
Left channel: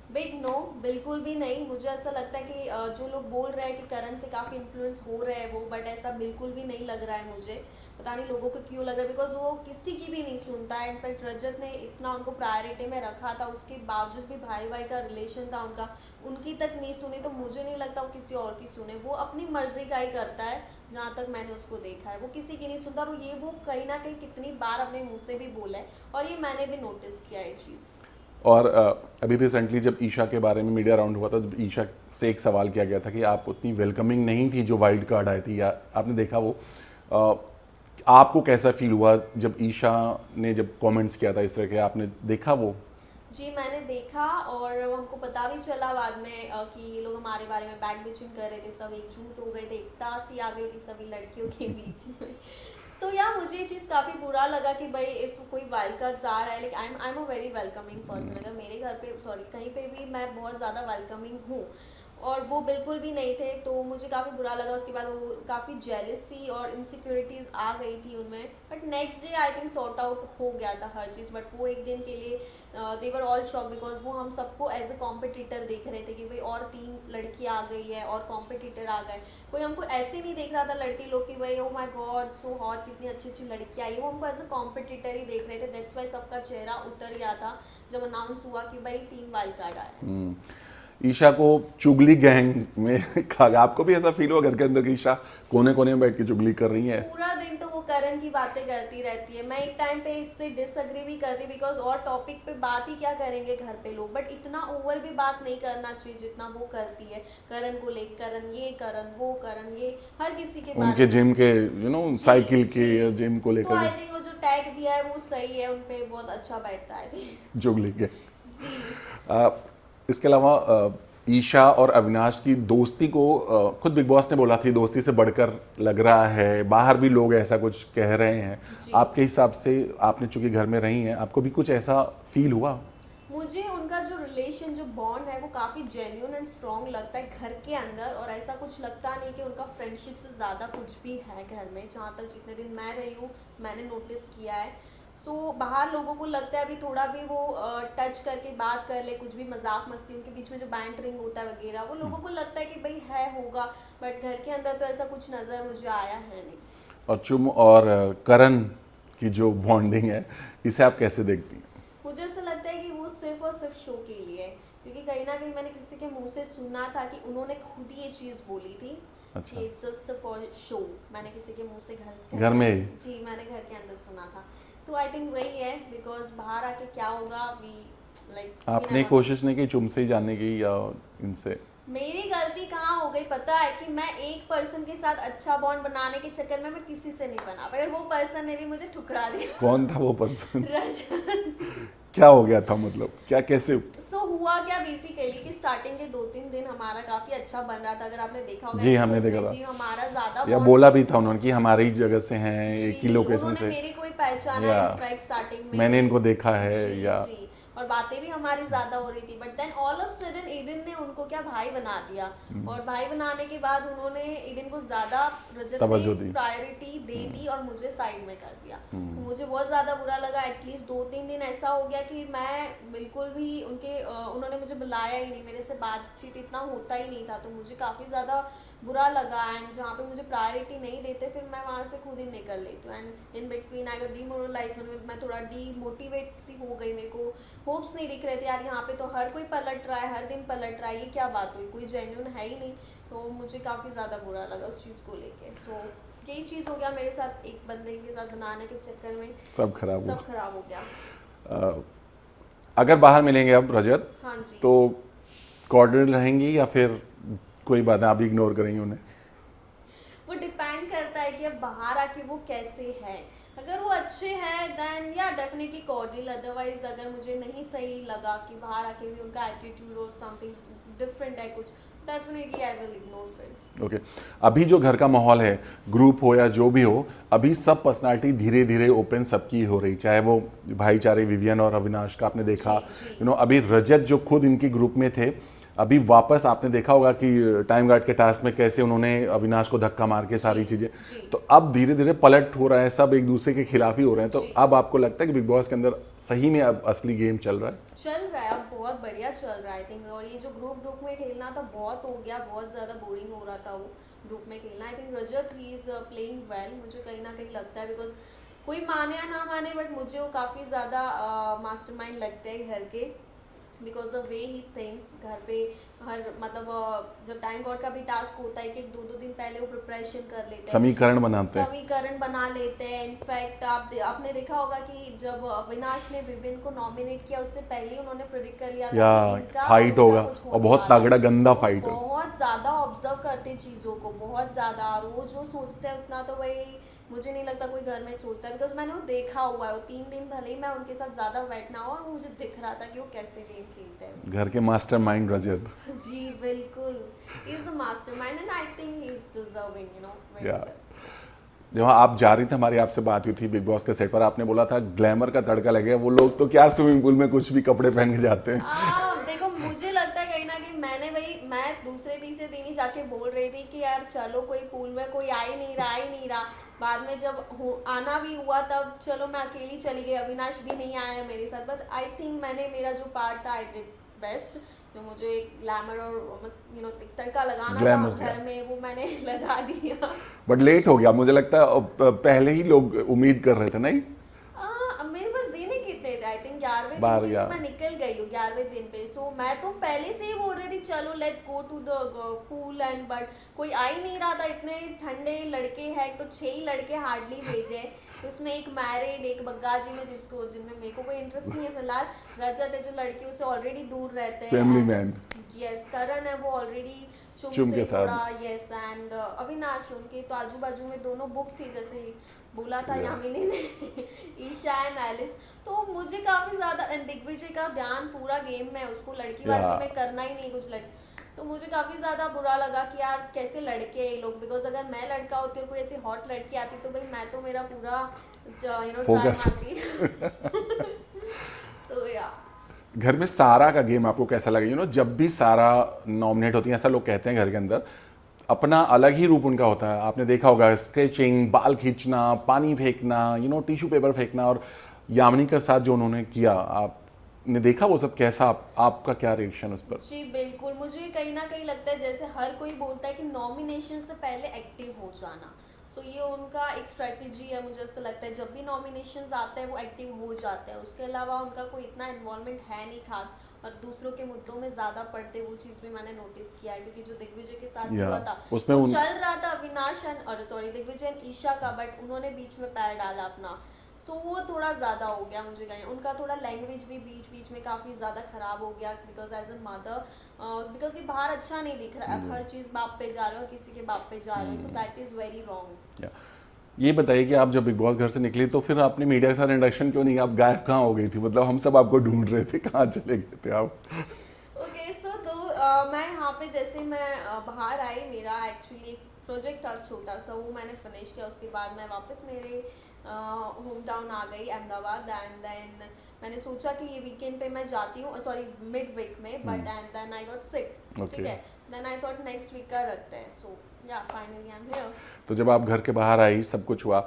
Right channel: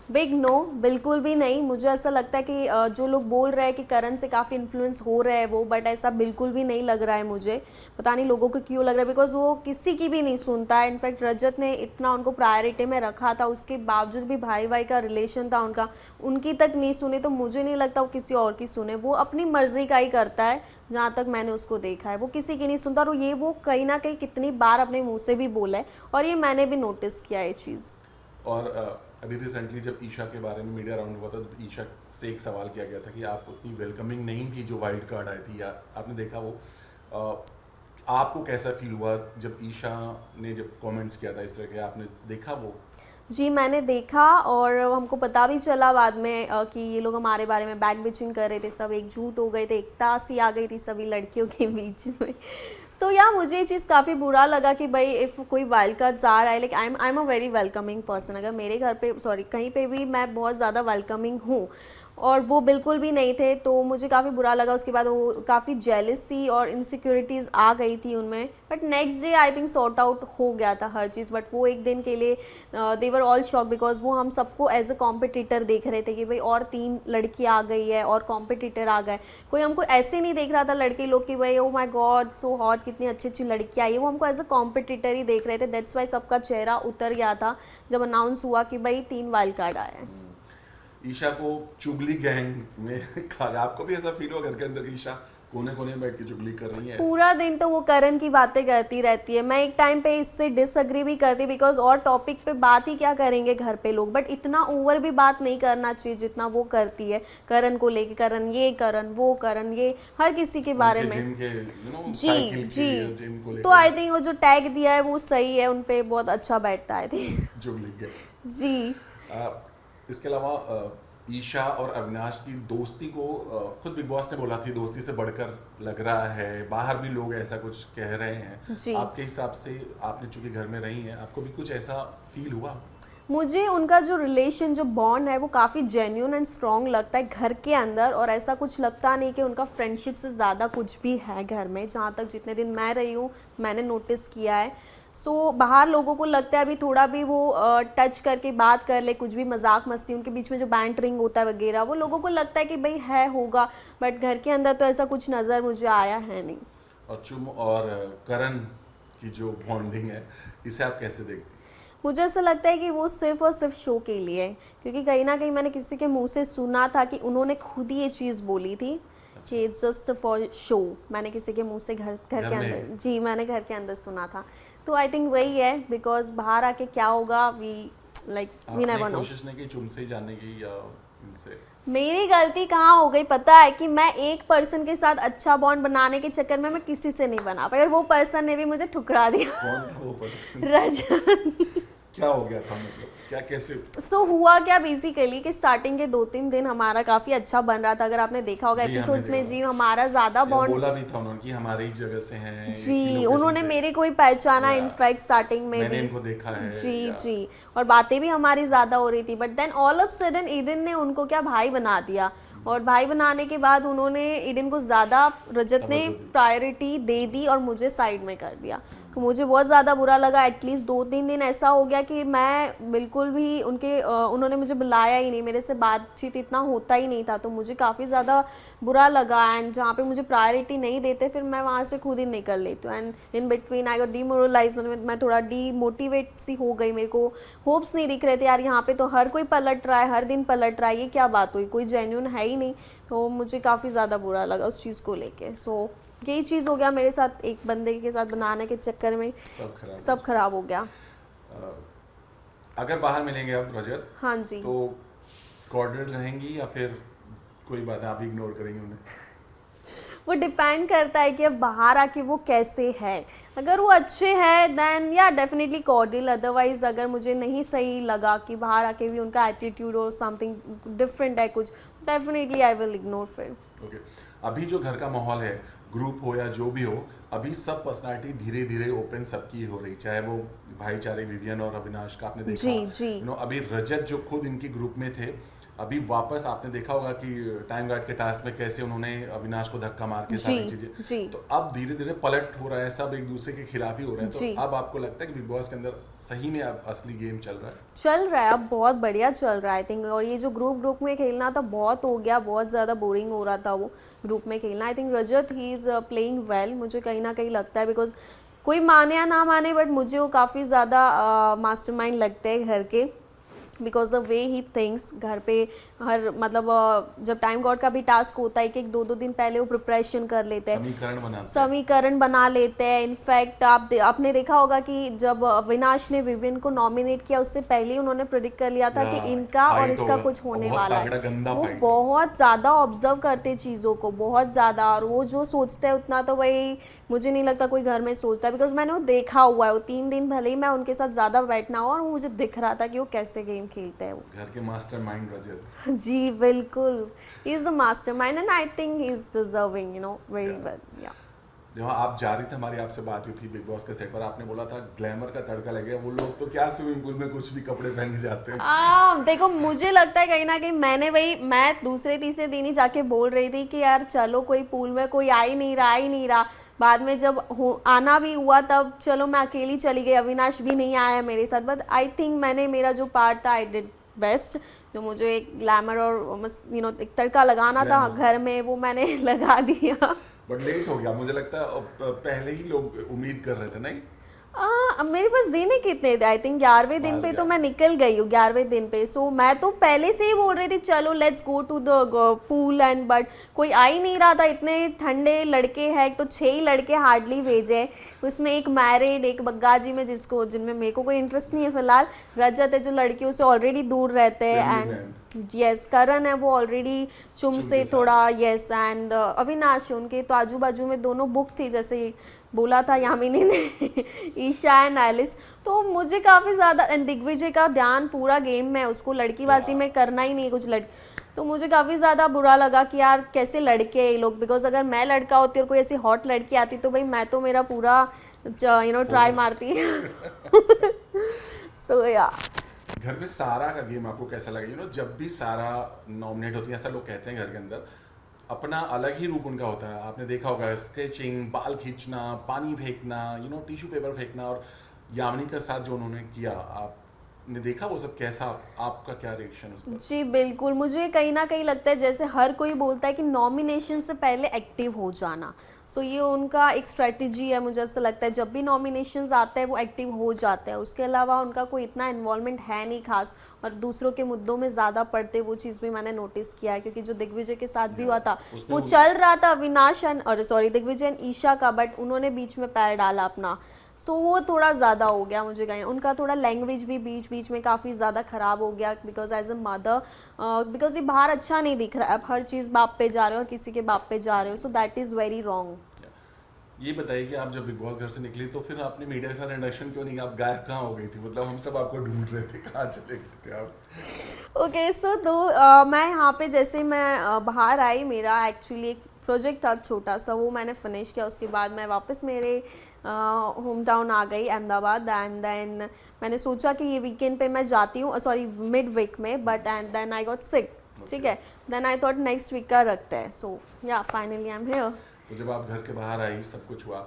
बिग नो, बिल्कुल भी नहीं। मुझे ऐसा लगता है कि जो लोग बोल रहे हैं कि करण से काफ़ी इन्फ्लुएंस हो रहे हैं वो, बट ऐसा बिल्कुल भी नहीं लग रहा है मुझे। पता नहीं लोगों को क्यों लग रहा है, बिकॉज वो किसी की भी नहीं सुनता है। इनफैक्ट रजत ने इतना उनको प्रायोरिटी में रखा था, उसके बावजूद भी भाई भाई का रिलेशन था उनका, उनकी तक नहीं सुनी, तो मुझे नहीं लगता वो किसी और की सुने। वो अपनी मर्जी का ही करता है, जहाँ तक मैंने उसको देखा है, वो किसी की नहीं सुनता। और ये वो कहीं ना कहीं कितनी बार अपने मुँह से भी बोला है, और ये मैंने भी नोटिस किया है ये चीज़। और अभी रिसेंटली जब ईशा के बारे में मीडिया राउंड हुआ था, जब ईशा से एक सवाल किया गया था कि आप उतनी वेलकमिंग नहीं थी जो वाइल्ड कार्ड आई थी, या आपने देखा वो, आपको कैसा फील हुआ जब ईशा ने जब कमेंट्स किया था इस तरह के? आपने देखा वो? जी मैंने देखा, और हमको पता भी चला बाद में कि ये लोग हमारे बारे में बैक बिचिंग कर रहे थे, सब एकजुट हो गए थे, एकता सी आ गई थी सभी लड़कियों के बीच में। सो या मुझे ये चीज़ काफ़ी बुरा लगा कि भाई इफ़ कोई वाइल्ड कार्ड्स आ रहा है, like I am a very welcoming person. अगर मेरे घर पे कहीं पे भी मैं बहुत ज़्यादा वेलकमिंग हूँ, और वो बिल्कुल भी नहीं थे, तो मुझे काफ़ी बुरा लगा। उसके बाद वो काफ़ी जेलसी और इनसिक्योरिटीज़ आ गई थी उनमें, but next day I think sort out हो गया था हर चीज़। बट वो एक दिन के लिए दे वर ऑल शॉक, बिकॉज वो हम सबको एज अ कॉम्पिटिटर देख रहे थे कि भाई और 3 लड़की आ गई है और कॉम्पिटिटर आ गए। कोई हमको ऐसे नहीं देख रहा था लड़के लोग कि भाई oh my God so hot, कितनी अच्छी अच्छी लड़की आई है, वो हमको एज अ कॉम्पिटिटर ही देख रहे थे। दैट्स वाई सबका चेहरा उतर गया था जब अनाउंस हुआ कि भाई 3 वाइल्ड कार्ड आए हैं। ईशा को चुगली गैंग में खा, आपको भी ऐसा फील हुआ घर के अंदर कि ईशा कोने कोने में बैठ के चुगली कर रही है? पूरा दिन तो वो करण की बातें करती रहती है। मैं एक टाइम पे इससे डिसअग्री भी करती, बिकॉज और टॉपिक पे बात ही क्या करेंगे घर पे लोग, बट इतना ओवर भी बात नहीं करना चाहिए जितना वो करती है करण को लेके। करण ये, करण वो, करण ये, हर किसी के बारे में, जिम के साइकिल के जिम को लेकर। तो आई थिंक वो जो टैग दिया है वो सही है, उनपे बहुत अच्छा बैठता है चुगली के। जी। इसके अलावा ईशा और अविनाश की दोस्ती को खुद बिग बॉस ने बोला थी दोस्ती से बढ़कर लग रहा है, बाहर भी लोग ऐसा कुछ कह रहे हैं। आपके हिसाब से, आपने चूंकि घर में रही हैं, आपको भी कुछ ऐसा फील हुआ? मुझे उनका जो रिलेशन, जो बॉन्ड है वो काफ़ी जेन्यून एंड स्ट्रॉन्ग लगता है घर के अंदर, और ऐसा कुछ लगता नहीं कि उनका फ्रेंडशिप से ज़्यादा कुछ भी है घर में, जहाँ तक जितने दिन मैं रही हूँ मैंने नोटिस किया है। सो बाहर लोगों को लगता है अभी थोड़ा भी वो टच करके बात कर ले, कुछ भी मजाक मस्ती उनके बीच में जो बैंटरिंग होता है वगैरह, वो लोगों को लगता है कि भाई है होगा, बट घर के अंदर तो ऐसा कुछ नज़र मुझे आया है नहीं। और चुम और करण की जो बॉन्डिंग है, इसे आप कैसे देखती? मुझे ऐसा लगता है कि वो सिर्फ और सिर्फ शो के लिए है, क्योंकि कहीं ना कहीं मैंने किसी के मुंह से सुना था कि उन्होंने खुद ही ये चीज़ बोली थी कि इट्स जस्ट फॉर शो। मैंने किसी के मुंह से घर के अंदर, जी मैंने घर के अंदर सुना था। तो आई थिंक वही है, बिकॉज बाहर आके क्या होगा, वी लाइक आपने कोशिश नहीं की चुम से ही जानने की या इनसे? मेरी गलती कहाँ हो गई पता है, कि मैं एक पर्सन के साथ अच्छा बॉन्ड बनाने के चक्कर में मैं किसी से नहीं बना पाई, और वो पर्सन ने भी मुझे ठुकरा दिया। कौन था वो पर्सन? रजत। क्या हो गया था, मतलब क्या, कैसे? हुआ क्या बेसिकली कि स्टार्टिंग के 2-3 दिन हमारा काफी अच्छा बन रहा था, अगर आपने देखा होगा एपिसोड्स में। जी हमारा ज्यादा बॉन्ड, बोला भी था उन्होंने कि हमारे ही जगह से हैं, एक ही लोकेशन से। उन्होंने मेरे को ही पहचाना इनफैक्ट स्टार्टिंग में, मैंने इनको देखा है। जी, और बातें भी हमारी ज्यादा हो रही थी, but then all of sudden Eden ने उनको क्या भाई बना दिया, और भाई बनाने के बाद उन्होंने ईडन को ज्यादा, रजत ने प्रायोरिटी दे दी और मुझे साइड में कर दिया। तो मुझे बहुत ज्यादा बुरा लगा। एटलीस्ट 2-3 दिन ऐसा हो गया कि मैं बिल्कुल भी उन्होंने मुझे बुलाया ही नहीं, मेरे से बातचीत इतना होता ही नहीं था, तो मुझे काफ़ी ज़्यादा बुरा लगा। एंड जहाँ पे मुझे प्रायोरिटी नहीं देते फिर मैं वहाँ से खुद ही निकल लेती हूँ, and in between I got demoralise, मतलब मैं थोड़ा डीमोटिवेट सी हो गई। मेरे को होप्स नहीं दिख रहे थे यार, यहाँ पे तो हर कोई पलट रहा है, हर दिन पलट रहा है, ये क्या बात हुई, कोई जेन्यून है ही नहीं। तो मुझे काफ़ी ज़्यादा बुरा लगा उस चीज़ को लेके। सो यही चीज़ हो गया मेरे साथ, एक बंदे के साथ बनाने के चक्कर में सब खराब हो गया। अगर बाहर मिलेंगे अब रजत, हाँ जी, तो कॉर्डिनल रहेंगी या फिर कोई बात है आप इग्नोर करेंगे उन्हें? वो डिपेंड करता है कि अब बाहर आके वो कैसे है। अगर वो अच्छे हैं देन या डेफिनेटली कॉर्डियल, अदरवाइज अगर मुझे नहीं सही लगा कि बाहर आके भी उनका एटीट्यूड और समथिंग डिफरेंट है कुछ, डेफिनेटली आई विल इग्नोर फिर। ओके, अभी जो घर का माहौल है, ग्रुप हो या जो भी हो, अभी सब पर्सनालिटी धीरे धीरे ओपन सबकी हो रही, चाहे वो भाईचारे विवियन और अविनाश का आपने देखा, अभी रजत जो खुद इनके ग्रुप में थे, अभी वापस आपने देखा होगा कि टाइम गार्ड के टास्क में कैसे उन्होंने अविनाश को धक्का मार के सारी चीजें, तो अब धीरे धीरे पलट हो रहा है, सब एक दूसरे के खिलाफ ही हो रहे हैं। तो अब आपको लगता है कि बिग बॉस के अंदर सही में अब असली गेम चल रहा है? अब बहुत बढ़िया चल रहा है आई थिंक। और ये जो ग्रुप में खेलना था बहुत हो गया, बहुत ज़्यादा बोरिंग हो रहा था वो ग्रुप में खेलना। I think Rajat he is playing well, मुझे कहीं ना कहीं लगता है, बिकॉज कोई माने या ना माने बट मुझे वो काफ़ी ज़्यादा मास्टरमाइंड लगते हैं घर के, because the way he thinks. घर पे हर मतलब जब टाइम गॉड का भी टास्क होता है कि 2-2 दिन पहले वो प्रिपरेशन कर लेते हैं, समीकरण बना लेते हैं। इनफैक्ट आपने देखा होगा कि जब अविनाश ने विवियन को नॉमिनेट किया उससे पहले उन्होंने प्रेडिक्ट कर लिया था कि इनका और इसका कुछ होने वाला है। गंदा फाइट, बहुत ज्यादा ऑब्जर्व करते चीजों को, बहुत ज्यादा, और वो जो सोचते हैं उतना तो भाई मुझे नहीं लगता कोई घर में सोचता है, बिकॉज मैंने वो देखा हुआ है। वो 3 दिन भले ही मैं उनके साथ ज्यादा बैठना हो, और मुझे दिख रहा था कि वो कैसे गेम खेलते हैं। घर के मास्टरमाइंड रजत। जी बिल्कुल, he is the mastermind and I think he is deserving, you know, very well. जब आप जा रही थी, हमारी आपसे बात हुई थी बिग बॉस के सेट पर, आपने बोला था ग्लैमर का तड़का लगे, वो लोग तो क्या स्विमिंग पूल में कुछ भी कपड़े पहन के जाते हैं। देखो मुझे लगता है कहीं ना कहीं मैं दूसरे तीसरे दिन ही जाके बोल रही थी कि यार चलो कोई पूल में कोई आ ही नहीं रहा। बाद में जब आना भी हुआ तब चलो मैं अकेली चली गई, अविनाश भी नहीं आया मेरे साथ, बट आई थिंक मैंने मेरा जो पार्ट था आई डिड बेस्ट। जो मुझे एक ग्लैमर और एक तड़का लगाना था घर में, वो मैंने लगा दिया। बट लेट हो गया, मुझे लगता है पहले ही लोग उम्मीद कर रहे थे, नहीं? अब मेरे पास दिन ही कितने थे, आई थिंक 11वें दिन पे तो मैं निकल गई हूँ, 11वें दिन पे। सो मैं तो पहले से ही बोल रही थी चलो let's go to the pool and, but कोई आ ही नहीं रहा था। इतने ठंडे लड़के हैं, तो 6 ही लड़के हार्डली भेजे, उसमें एक मैरिड, एक बग्गाजी में जिनमें मेरे को कोई इंटरेस्ट नहीं है फिलहाल। रजत है जो लड़कियों से ऑलरेडी दूर रहते हैं, यस। करण है वो ऑलरेडी चुम से थोड़ा, यस। एंड अविनाश उनके तो आजू बाजू में दोनों बुक थी, जैसे बोला था यामिनी ने, ईशा एंड एलिस। तो मुझे काफ़ी ज़्यादा, दिग्विजय का ध्यान पूरा गेम में, उसको लड़कीबाजी में करना ही नहीं कुछ। तो मुझे काफ़ी ज़्यादा बुरा लगा कि यार कैसे लड़के हैं ये लोग, बिकॉज अगर मैं लड़का होती और कोई ऐसी हॉट लड़की आती तो भाई मैं तो मेरा पूरा ट्राई Focus. मारती। सो या घर में सारा का गेम आपको कैसा लगा? जब भी सारा नॉमिनेट होती है, ऐसा लोग कहते हैं घर के अंदर, अपना अलग ही रूप उनका होता है। आपने देखा होगा स्केचिंग, बाल खींचना, पानी फेंकना, टिश्यू पेपर फेंकना, और यामिनी के साथ जो उन्होंने किया, आपने देखा वो सब कैसा? आपका क्या रिएक्शन उस पर? जी बिल्कुल, मुझे कहीं ना कहीं लगता है जैसे हर कोई बोलता है कि नॉमिनेशन से पहले एक्टिव हो जाना, सो ये उनका एक स्ट्रेटजी है। मुझे ऐसा लगता है जब भी नॉमिनेशंस आते हैं वो एक्टिव हो जाते हैं, उसके अलावा उनका कोई इतना इन्वॉल्वमेंट है नहीं खास, और दूसरों के मुद्दों में ज़्यादा पड़ते, वो चीज़ भी मैंने नोटिस किया है। क्योंकि जो दिग्विजय के साथ भी हुआ था उसमें वो चल रहा था अविनाश और सॉरी दिग्विजय एंड ईशा का, बट उन्होंने बीच में पैर डाला अपना, सो वो थोड़ा ज़्यादा हो गया मुझे कहीं। उनका थोड़ा लैंग्वेज भी बीच बीच में काफ़ी ज़्यादा ख़राब हो गया, because as a mother, because ये बाहर अच्छा नहीं दिख रहा है। अब हर चीज़ बाप पे जा रहे हो और किसी के बाप पे जा रहे हो, so that is very wrong. ये बताइए कि आप जब बिग बॉस घर से निकली तो फिर आपने मीडिया के साथ इंटरेक्शन क्यों नहीं? आप गायब कहाँ हो गई थी? मतलब हम सब आपको ढूंढ रहे थे, कहाँ चले गए थे आप? ओके सो तो मैं यहाँ पे जैसे मैं बाहर आई, मेरा एक्चुअली एक प्रोजेक्ट था छोटा सा, वो मैंने फिनिश किया। उसके बाद मैं वापस मेरे होम टाउन आ गई अहमदाबाद, एंड देन मैंने सोचा कि ये वीकेंड पे मैं जाती हूँ, सॉरी मिड वीक में, but and then I got sick. ठीक है, then I thought next week का रखते हैं, सो या फाइनली आई एम हियर। तो जब आप घर के बाहर आई, सब कुछ हुआ,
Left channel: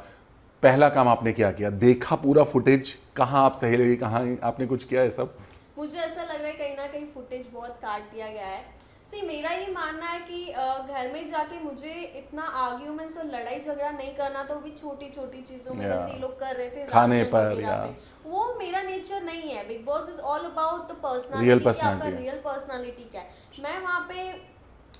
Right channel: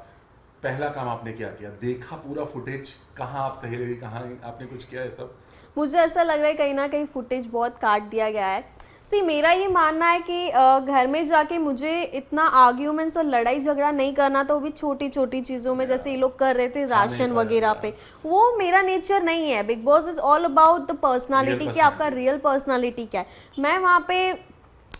पहला काम आपने क्या किया? देखा पूरा फुटेज? कहाँ आप सही लगी, कहाँ आपने कुछ किया है सब? मुझे ऐसा लग रहा है कहीं ना कहीं फुटेज बहुत काट दिया गया है। सी मेरा ये मानना है कि घर में जाके मुझे इतना आर्ग्यूमेंट्स और लड़ाई झगड़ा नहीं करना, तो वो भी छोटी छोटी चीज़ों में, जैसे ये लोग कर रहे थे राशन वगैरह पे, वो मेरा नेचर नहीं है। Big boss is all about the personality, कि आपका रियल पर्सनालिटी क्या है। मैं वहाँ पे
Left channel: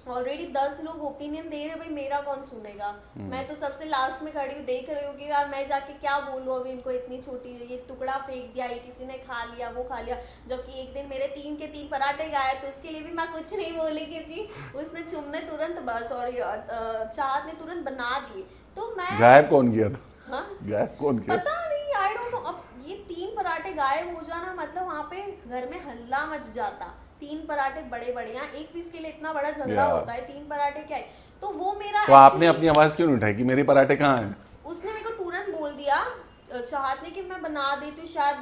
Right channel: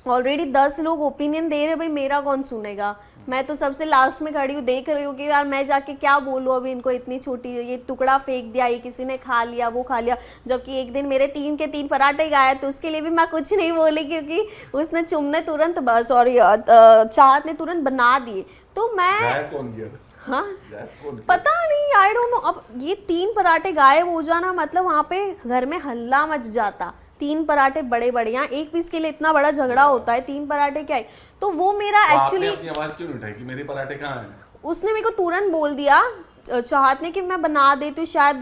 ऑलरेडी 10 लोग ओपिनियन दे रहे, भाई मेरा कौन सुनेगा। मैं तो सबसे लास्ट में खड़ी हूँ, देख रही हूँ कि यार मैं जाके क्या बोलूँ अभी इनको, इतनी छोटी ये टुकड़ा फेंक दिया, ये किसी ने खा लिया, वो खा लिया। जबकि एक दिन मेरे 3 के 3 पराठे गाए, तो उसके लिए भी मैं कुछ नहीं बोली, क्योंकि उसने चुमने तुरंत, सॉरी चाहत ने तुरंत बना दिए। तो मैं गायब कौन किया था? हाँ गायब कौन किया? पता नहीं, आई डोंट नो। अब ये 3 पराठे गायब हो जाना मतलब वहाँ पे घर में हल्ला मच जाता। 3 पराठे बड़े बड़े, यहाँ एक पीस के लिए इतना बड़ा झगड़ा होता है, 3 पराठे क्या है। तो वो मेरा तो आपने एक्चुअली, अपनी आवाज क्यों नहीं उठाई कि मेरे पराठे कहाँ हैं? उसने मेरे को तुरंत बोल दिया चाहत ने कि मैं बना देती हूँ, शायद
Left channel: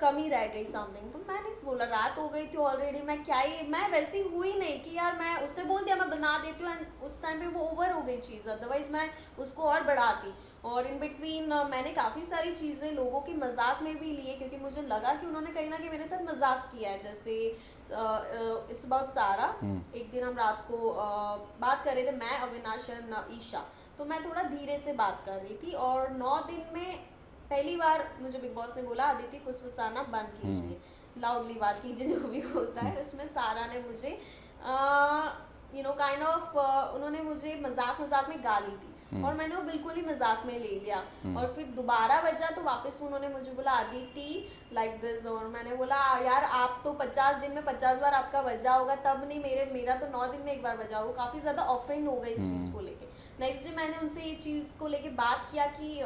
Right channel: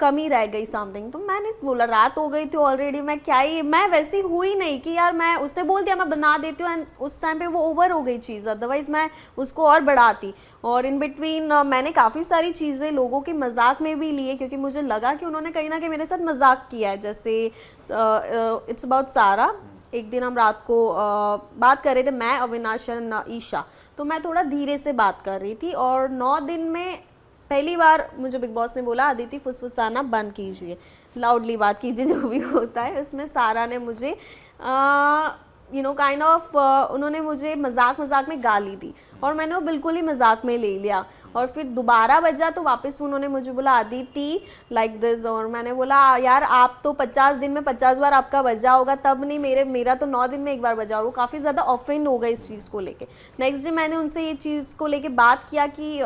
कमी रह गई समथिंग। तो मैंने बोला रात हो गई थी ऑलरेडी, मैं क्या ही, मैं वैसी हुई नहीं कि यार मैं, उसने बोल दिया मैं बना देती हूँ, एंड उस टाइम पे वो ओवर हो गई चीज़, अदरवाइज मैं उसको और बढ़ाती। और इन बिटवीन मैंने काफ़ी सारी चीज़ें लोगों के मजाक में भी लिए, क्योंकि मुझे लगा कि उन्होंने कहीं ना कहीं मेरे साथ मजाक किया है। जैसे इट्स अबाउट सारा, एक दिन हम रात को बात कर रहे थे, मैं अविनाश और ईशा, तो मैं थोड़ा धीरे से बात कर रही थी, और 9 दिन में पहली बार मुझे बिग बॉस ने बोला अदिति फुसफुसाना बंद कीजिए, लाउडली बात कीजिए, जो भी होता है। उसमें सारा ने मुझे काइंड ऑफ उन्होंने मुझे मजाक मजाक में गाली दी, और मैंने वो बिल्कुल ही मजाक में ले लिया। और फिर दोबारा बजा तो वापस उन्होंने मुझे बोला अदिति लाइक दिस, और मैंने बोला यार आप तो 50 दिन में 50 बार आपका बजा होगा, तब नहीं मेरा तो 9 दिन में एक बार बजा होगा। काफ़ी ज़्यादा ऑफेंड हो गई इस चीज़ को लेके। नेक्स्ट डे मैंने उनसे ये चीज़ को लेके बात किया कि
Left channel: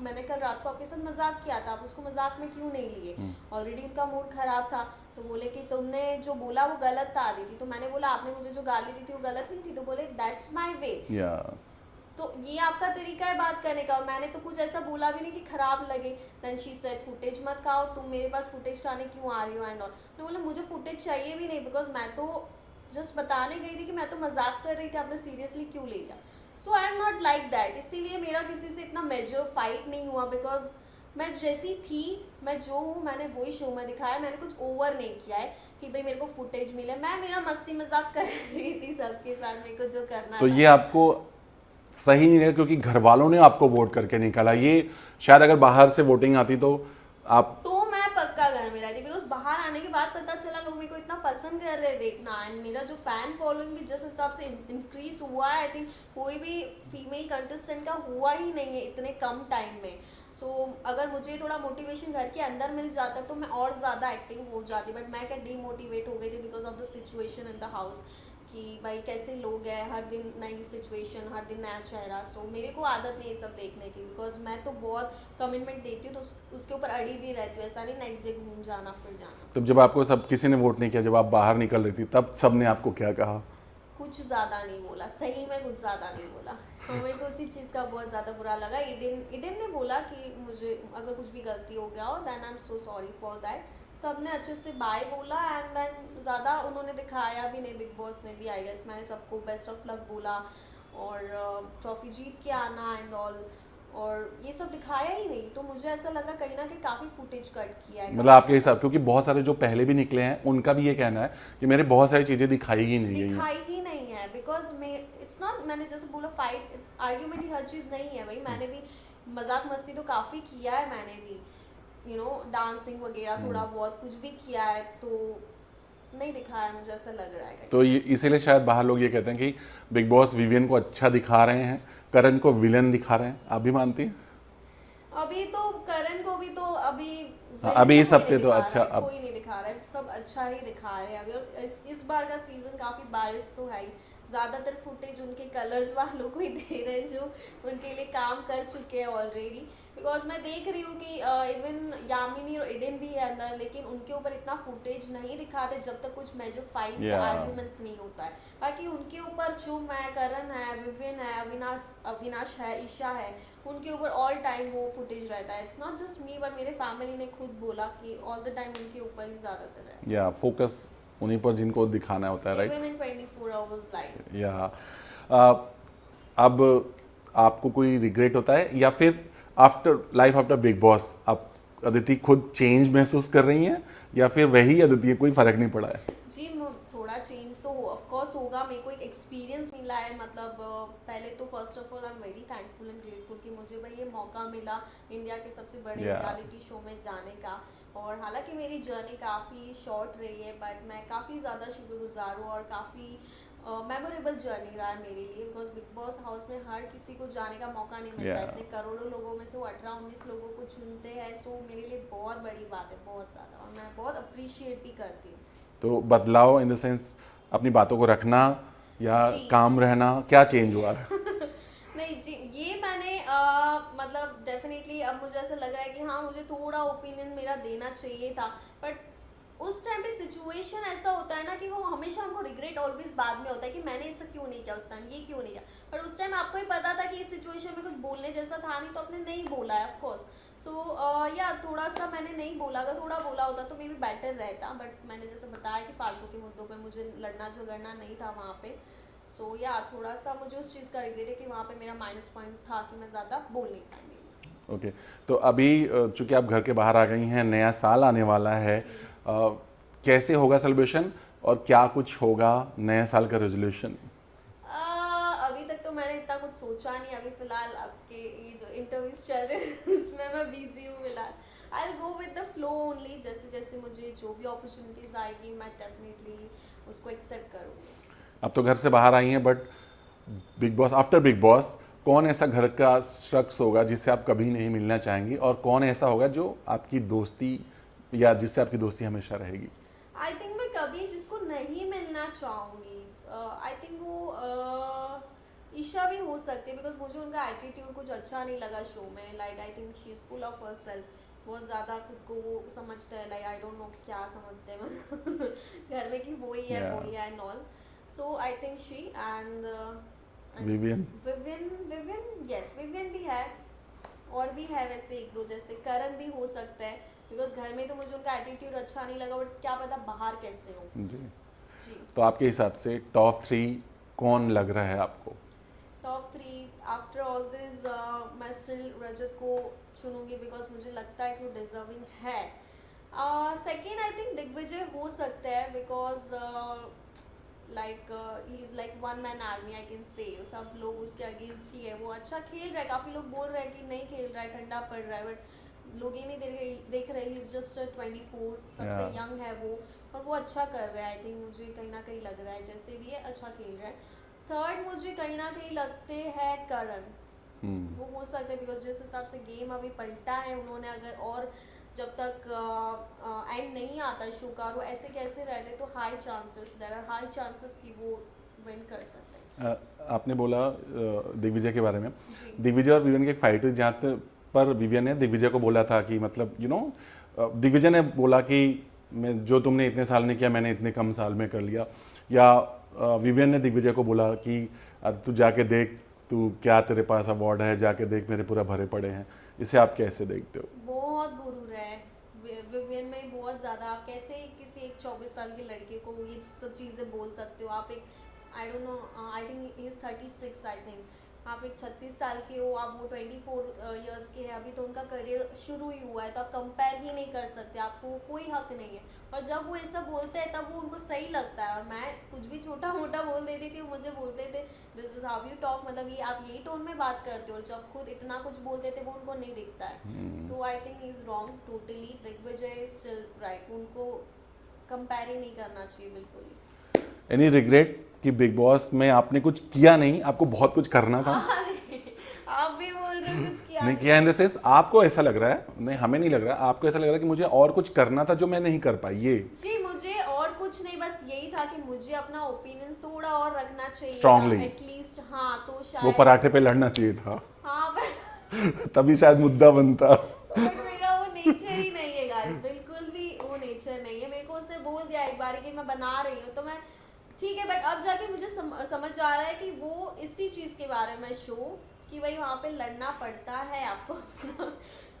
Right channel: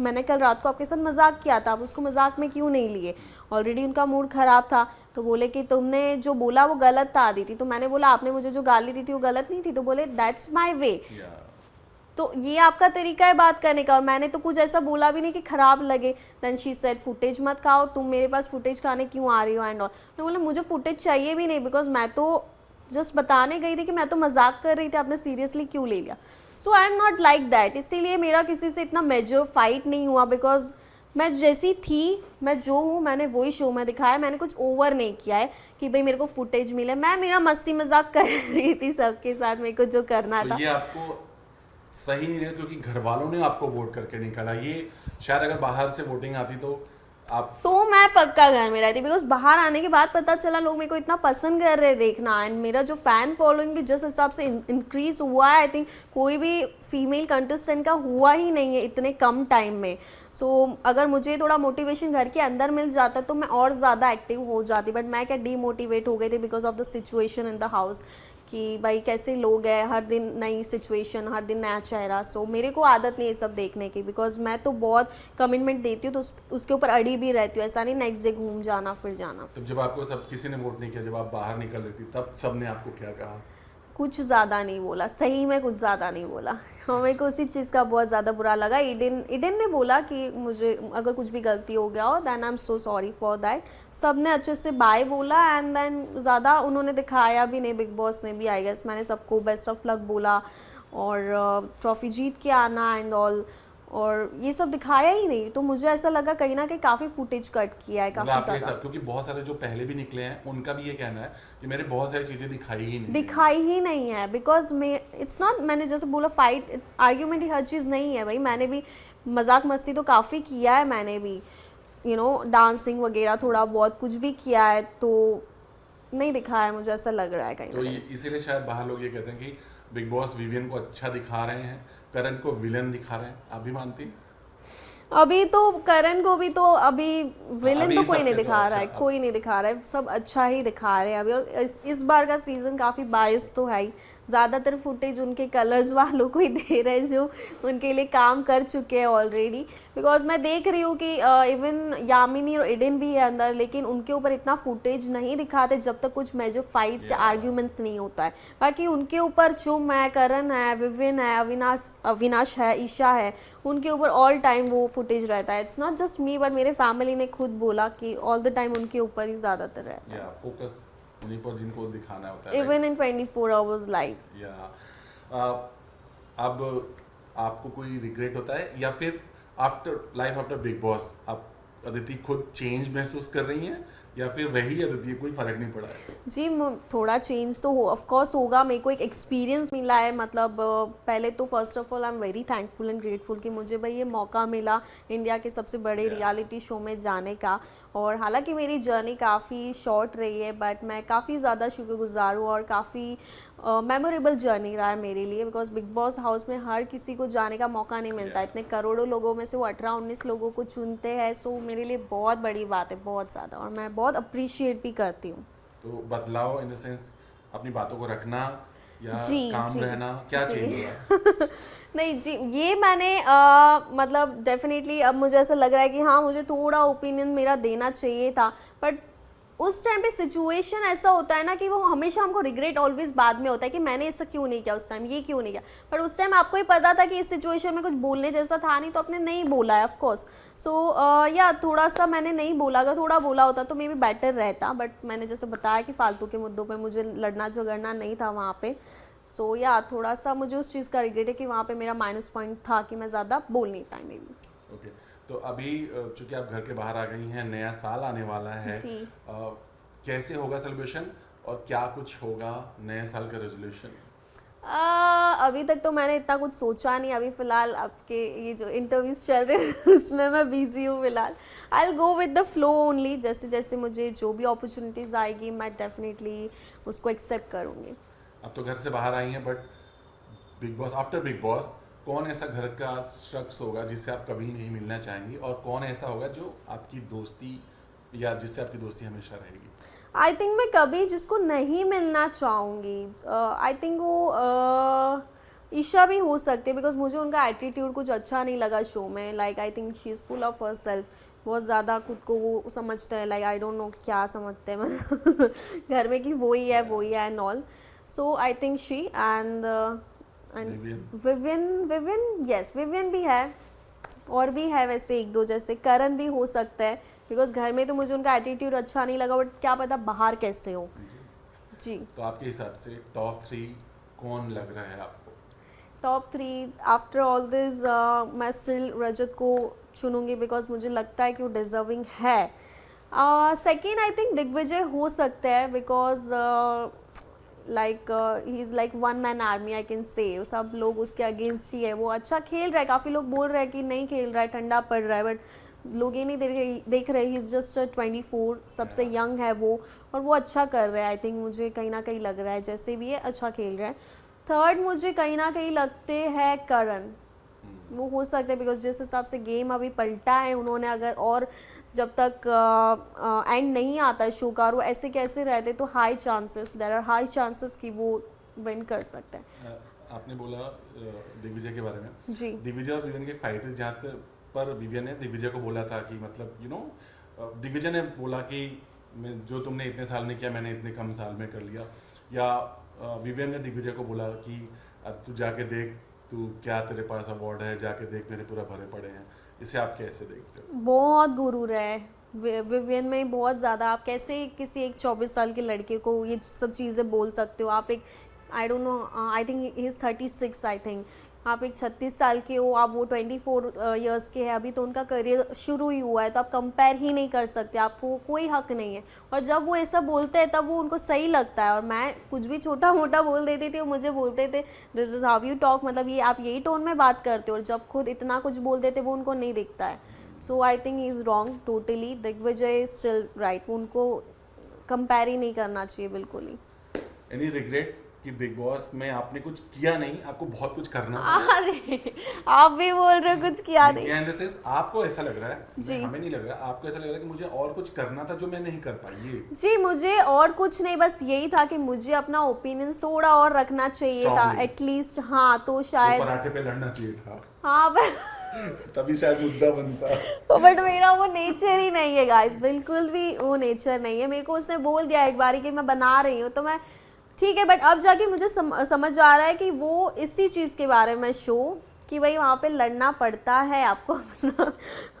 मैंने कल रात को आपके साथ मजाक किया था, आप उसको मजाक में क्यों नहीं लिए। ऑलरेडी उनका मूड ख़राब था, तो बोले कि तुमने जो बोला वो गलत था आदिति। तो मैंने बोला आपने मुझे जो गाली दी थी वो गलत नहीं थी, तो बोले दैट्स माय वे। तो ये आपका तरीका है बात करने का। और मैंने तो कुछ ऐसा बोला भी नहीं कि खराब लगे। देन शी सेड फुटेज मत खाओ, तुम मेरे पास फुटेज खाने क्यों आ रही हो एंड ऑल। मैं बोला मुझे फुटेज चाहिए भी नहीं, बिकॉज मैं तो जस्ट बताने गई थी कि मैं तो मजाक कर रही थी, आपने सीरियसली क्यों ले लिया। So I am not like that. इसीलिए मेरा किसी से इतना मेजर फाइट नहीं हुआ, बिकॉज मैं जैसी थी, मैं जो हूँ मैंने वही शो में दिखाया। मैंने कुछ ओवर नहीं किया है कि भाई मेरे को फुटेज मिले। मैं मेरा मस्ती मजाक कर रही थी सबके साथ, मेरे को जो करना तो था। ये आपको सही नहीं है, क्योंकि घर वालों ने आपको वोट करके निकाला। ये शायद अगर बाहर से वोटिंग आती तो आप, तो मैं पक्का घर में रहती, बिकॉज बाहर आने के बाद पता चला लोग मेरे को इतना पसंद कर रहे देखना, एंड मेरा जो फैन फॉलोइंग भी जिस हिसाब से इंक्रीज हुआ है, आई थिंक कोई भी फीमेल कंटेस्टेंट का हुआ ही नहीं है इतने कम टाइम में। सो अगर मुझे थोड़ा मोटिवेशन घर के अंदर मिल जाता तो मैं और ज़्यादा एक्टिव हो जाती, बट मैं क्या डीमोटिवेट हो गई थी because of the situation in the house, कि भाई कैसे लोग हैं, हर दिन नई सिचुएशन, हर दिन नया चेहरा। सो मेरे को आदत नहीं है सब देखने की, बिकॉज मैं तो बहुत कमिटमेंट देती हूँ, तो उसके ऊपर अड़ी भी रहती हूँ। ऐसा नहीं नेक्स्ट डे घूम जाना फिर जाना। तब जब आपको सब किसी ने वोट नहीं किया, जब आप बाहर निकल रही थी, तब सब ने आपको क्या कहा? कुछ ज़्यादा नहीं बोला, सही में कुछ ज़्यादा नहीं बोला। और मेरे को उसी चीज़ का बहुत ज़्यादा बुरा लगा। इडिन ने बोला कि मुझे अगर कुछ भी गलती हो गया हो then I am so sorry for that. सब ने अच्छे से बाय बोला एंड देन ज़्यादा उन्होंने दिखाया भी नहीं। बिग बॉस ने भी आई गेस मैंने सबको बेस्ट ऑफ लक बोला और ट्रॉफी जीत के आना एंड ऑल, और ये सब दिखाया ही नहीं। तो मुझे ऐसा लगा कहीं ना कहीं काफ़ी फुटेज कट किया है, मतलब आपके हिसाब, क्योंकि बहुत सारे जो पहले भी निकले हैं उनका भी ये कहना है कि मेरे बहुत सारी चीजें दिखाई ही नहीं है बिकॉज मैं इट्स नॉट, मैंने जैसे बोला फाइट आर्ग्यूमेंट ही हर चीज़ नहीं है भाई। मैंने भी मजाक मस्ती तो काफ़ी किया है, मैंने भी डांसिंग वगैरह थोड़ा बहुत कुछ भी किया है, तो नहीं दिखाया है, मुझे ऐसा लग रहा है कहीं। तो इसीलिए शायद बाहर लोग ये कहते हैं कि बिग बॉस विवियन को अच्छा दिखा रहे हैं, करण को विलन दिखा रहे हैं। आप भी मानती हैं? अभी तो करण को भी तो अभी विलन अभी तो इस कोई हफ्ते नहीं तो दिखा अच्छा, रहा है, कोई नहीं दिखा रहा है, सब अच्छा ही दिखा रहे हैं अभी। और इस बार का सीजन काफी बायस तो है ही, ज्यादातर फुटेज उनके कलर्स वालों को ही दे रहे हैं जो उनके लिए काम कर चुके हैं ऑलरेडी। बिकॉज मैं देख रही हूँ कि इवन यामिनी और इडिन भी है अंदर, लेकिन उनके ऊपर इतना फुटेज नहीं दिखाते जब तक कुछ मेजर फाइट्स या आर्ग्यूमेंट्स नहीं होता है। बाकी उनके ऊपर चुम है, करण है, विविन है, अविनाश है, ईशा है, उनके ऊपर ऑल टाइम वो फुटेज रहता है। It's not just me but मेरे फैमिली ने खुद बोला कि ऑल द टाइम उनके ऊपर ही ज्यादातर है। या फोकस उन्हीं पर जिनको दिखाना होता है, इवन इन 24 आवर्स लाइव। या अब आपको कोई रिग्रेट होता है या फिर आफ्टर बिग बॉस आप अदिति खुद चेंज महसूस कर रही हैं या फिर वही अदिति है, कोई फर्क नहीं पड़ा है? जी थोड़ा चेंज तो ऑफ कोर्स होगा। मेरे को एक एक्सपीरियंस मिला है, मतलब पहले तो first of all I am very thankful and grateful कि मुझे भाई ये मौका मिला इंडिया के सबसे बड़े रियलिटी शो में जाने का। और हालांकि मेरी जर्नी काफ़ी शॉर्ट रही है बट मैं काफ़ी ज़्यादा शुक्रगुजार हूँ और काफ़ी मेमोरेबल जर्नी रहा है मेरे लिए। बिकॉज बिग बॉस हाउस में हर किसी को जाने का मौका नहीं मिलता। इतने करोड़ों लोगों में से वो 18-19 लोगों को चुनते हैं, सो मेरे लिए बहुत बड़ी बात है, बहुत ज़्यादा, और मैं बहुत अप्रिशिएट भी करती हूँ। तो बदलाव इन द सेंस अपनी बातों को रखना या काम रहना, क्या चेंज हुआ है? नहीं जी, ये मैंने मतलब डेफिनेटली अब मुझे ऐसा लग रहा है कि हाँ मुझे थोड़ा ओपिनियन मेरा देना चाहिए था। बट उस टाइम पे सिचुएशन ऐसा होता है ना कि वो हमेशा हमको रिग्रेट ऑलवेज बाद में होता है कि मैंने ऐसा क्यों नहीं किया उस टाइम, ये क्यों नहीं किया। पर उस टाइम आपको ही पता था कि इस सिचुएशन में कुछ बोलने जैसा था नहीं, तो आपने नहीं बोला है ऑफकोर्स। सो या थोड़ा सा मैंने नहीं बोला, अगर थोड़ा बोला होता तो मे बी बेटर रहता। बट मैंने जैसे बताया कि फालतू के मुद्दों पर मुझे लड़ना झगड़ना नहीं था वहाँ पे। सो या थोड़ा सा मुझे उस चीज़ का रिग्रेट है कि वहाँ पे मेरा माइनस पॉइंट था कि मैं ज़्यादा बोल नहीं पाई मे बी। ओके, तो अभी चूंकि आप घर के बाहर आ गई हैं, नया साल आने वाला है, कैसे होगा सेलिब्रेशन और क्या कुछ होगा नए साल का रेजोल्यूशन? अभी तक तो मैंने इतना कुछ सोचा नहीं। अभी फिलहाल आपके ये जो इंटरव्यूज चल रहे हैं उसमें मैं बिजी हूँ फिलहाल। I will go with the flow only, जैसे जैसे मुझे जो भी अपॉर्चुनिटीज़ आएगी मैं डेफिनेटली उसको एक्सेप्ट करूँगी। अब तो घर से बाहर आई हैं, but big boss, after big boss कौन ऐसा घर का शख्स होगा जिससे आप कभी नहीं मिलना चाहेंगी, और कौन ऐसा होगा जो आपकी दोस्ती या जिससे आपकी दोस्ती हमेशा रहेगी? आई थिंक मैं कभी जिसको नहीं मिलना चाहूँगी, आई थिंक वो ईशा भी हो सकते, बिकॉज मुझे उनका एटीट्यूड कुछ अच्छा नहीं लगा शो में। Like I think she is full of her self, बहुत ज़्यादा खुद को वो समझते हैं, लाइक आई डोंट नो क्या समझते हैं घर में कि वो ही है and all. So I think she and woven yes, woven भी है और भी है वैसे एक दो, जैसे करण भी हो सकता है, बिकॉज घर में तो मुझे उनका एटीट्यूड अच्छा नहीं लगा, बट क्या पता बाहर कैसे हो। जी तो आपके हिसाब से टॉप 3 कौन लग रहा है आपको? टॉप 3 आफ्टर ऑल दिस मैं स्टिल रजत को चुनूंगी, बिकॉज मुझे लगता है कि वो डिजर्विंग है। सेकेंड आई थिंक दिग्विजय हो सकता है, because like he is like one man army I can say. सब लोग उसके अगेंस्ट ही है, वो अच्छा खेल रहा है, काफ़ी लोग बोल रहे हैं कि नहीं खेल रहा है, ठंडा पड़ रहा है, बट लोग ये नहीं देख रहे ही इज़ जस्ट 24, सबसे यंग है वो, और वो अच्छा कर रहा है। आई थिंक मुझे कहीं ना कहीं लग रहा है जैसे भी है अच्छा खेल रहा है। थर्ड मुझे कहीं ना कहीं लगते हैं करण, वो हो सकते हैं, बिकॉज जिस हिसाब से गेम अभी पलटा है उन्होंने, अगर और जब तक एंड नहीं आता है शो का, वो ऐसे कैसे रहते, तो high chances, there are high chances कि वो विन कर सकते हैं। आपने बोला दिग्विजय के बारे में जी, दिग्विजय और विवियन की फाइट हुई, जहाँ पर विवियन ने दिग्विजय को बोला था कि मतलब दिग्विजय ने बोला कि मैं जो तुमने इतने साल में किया मैंने इतने कम साल में कर लिया, या विवियन ने दिग्विजय को बोला कि तू जाके देख, तू क्या तेरे पास अवार्ड है, जाके देख मेरे पूरा भरे पड़े हैं, इसे आप कैसे देखते हो? बहुत गुरूर है विवियन में, बहुत ज़्यादा। आप कैसे किसी एक 24 साल के लड़के को ये सब चीज़ें बोल सकते हो? आप एक आई don't no, I think he is 36, I think आप एक 36 साल के हो, आप वो 24 इयर्स के हैं, अभी तो उनका करियर शुरू ही हुआ है, तो आप कंपेयर ही नहीं कर सकते, आपको कोई हक नहीं है। और जब वो ऐसा बोलते हैं तब वो उनको सही लगता है, और मैं कुछ भी छोटा मोटा बोल देती थी, वो मुझे बोलते थे this is how you talk, मतलब ये आप यही टोन में बात करते हो, और जब खुद इतना कुछ बोल देते वो उनको नहीं दिखता है। So I think he is wrong totally. Digvijay is still right, उनको कंपेयर ही नहीं करना चाहिए बिल्कुल ही। एनी रिग्रेट कि बिग बॉस में आपने कुछ किया नहीं, आपको बहुत कुछ करना था? अरे आप भी बोल रहे हो कुछ किया नहीं। किया इन द सेंस आपको ऐसा लग रहा है, मैं हमें नहीं लग रहा, आपको ऐसा लग रहा है कि मुझे और कुछ करना था जो मैं नहीं कर पाई, ये? जी मुझे और कुछ नहीं, बस यही था कि मुझे अपना ओपिनियंस थोड़ा और रखना चाहिए Strongly. था एटलीस्ट। हाँ तो वो शायद पराठे पे लड़ना चाहिए था, हाँ तभी शायद मुद्दा बनता। बट मेरा वो नेचर ही नहीं है गाइस, बिल्कुल भी वो नेचर नहीं है। मेरे को उसने बोल दिया एक बारी कि मैं बना रही हूँ, तो मैं ठीक है, बट अब जाके मुझे समझ आ रहा है कि वो इसी चीज़ के बारे में शो कि भाई वहाँ पे लड़ना पड़ता है, आपको अपना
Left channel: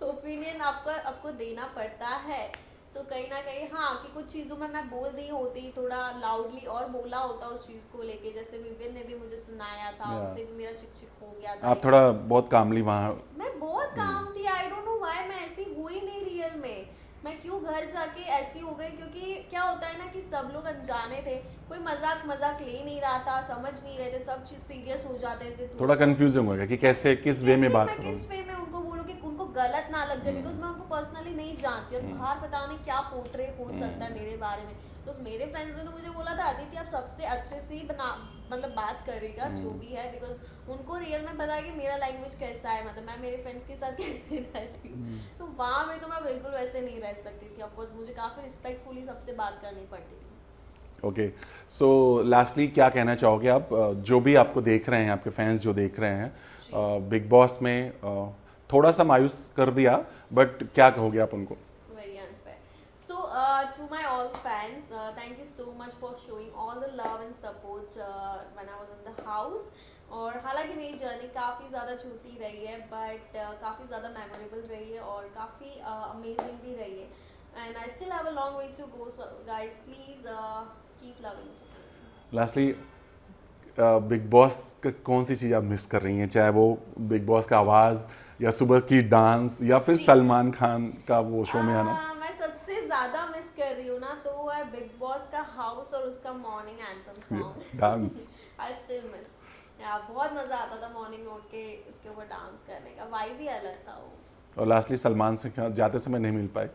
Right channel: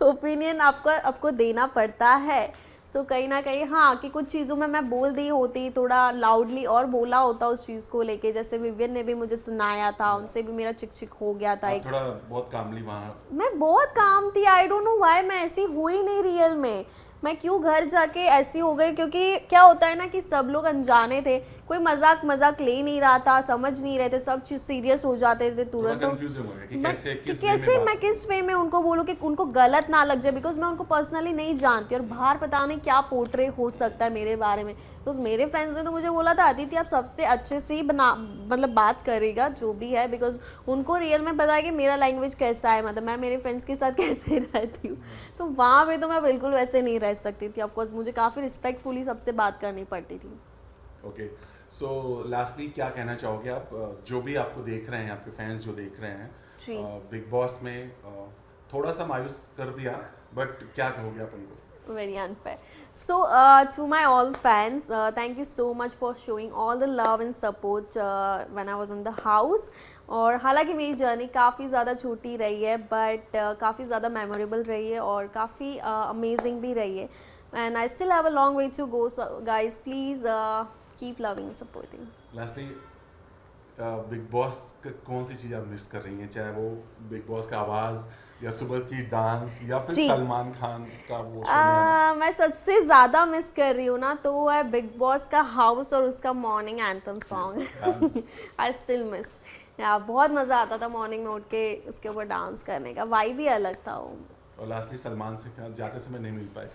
ओपिनियन आपको देना पड़ता है। सो कहीं ना कहीं हाँ कि कुछ चीज़ों में मैं बोल दी होती, थोड़ा लाउडली और बोला होता उस चीज़ को लेके, जैसे विवियन ने भी मुझे सुनाया था, उनसे भी मेरा चिक चिक हो गया था। आप थोड़ा बहुत कामली वहाँ, मैं बहुत काम थी, आई डोंट नो व्हाई मैं ऐसी हुई नहीं रियल में, मैं क्यों घर जाके ऐसी हो गई, क्योंकि क्या होता है ना कि सब लोग अनजाने थे, कोई मजाक ले नहीं रहा था, समझ नहीं रहे थे, सब चीज सीरियस हो जाते थे थोड़ा कंफ्यूजन हो गया कि कैसे किस वे में बात मैं किस वे में उनको बोलूँ कि उनको गलत ना लग जाए, बिकॉज मैं उनको पर्सनली नहीं जानती, और बाहर पता नहीं क्या पोर्ट्रे हो सकता है मेरे बारे में। तो मेरे फ्रेंड्स ने तो मुझे बोला था अदिति आप सबसे अच्छे से ही मतलब बात करेगा जो भी है, बिकॉज उनको रियल में पता है कि मेरा लैंग्वेज कैसा है, मतलब मैं मेरे फ्रेंड्स के साथ कैसे रहती हूँ। तो वहाँ पे तो मैं बिल्कुल वैसे नहीं रह सकती थी, ऑफकोर्स मुझे काफ़ी रिस्पेक्टफुली सबसे बात करनी पड़ती थी। ओके, सो लास्टली क्या कहना चाहोगे आप, जो भी आपको देख रहे हैं, आपके फैंस जो देख रहे हैं बिग बॉस में, थोड़ा सा मायूस कर दिया, बट क्या कहोगे आप उनको? Very unfair. So to my all fans, thank you so much for showing all the love and support when I was in the house. और हालांकि मेरी जर्नी काफ़ी ज़्यादा छोटी रही है, बट काफ़ी ज़्यादा मेमोरेबल रही है और काफ़ी अमेजिंग भी रही है, and I still have a long way to go. So guys please keep loving and supporting. Lastly Bigg Boss का कौन सी चीज़ आप मिस कर रही हैं, चाहे वो बिग बॉस का आवाज़ या सुबह की डांस या फिर सलमान खान का वो शो में आना? मैं सबसे ज़्यादा मिस कर रही हूँ ना, तो वो है बिग बॉस का हाउस और उसका morning anthem song. I still miss, यार बहुत मज़ा आता था मॉर्निंग में उठ के उसके ऊपर डांस करने का, वाइब भी अलग था वो। और लास्टली सलमान से जाते समय नहीं मिल पाए?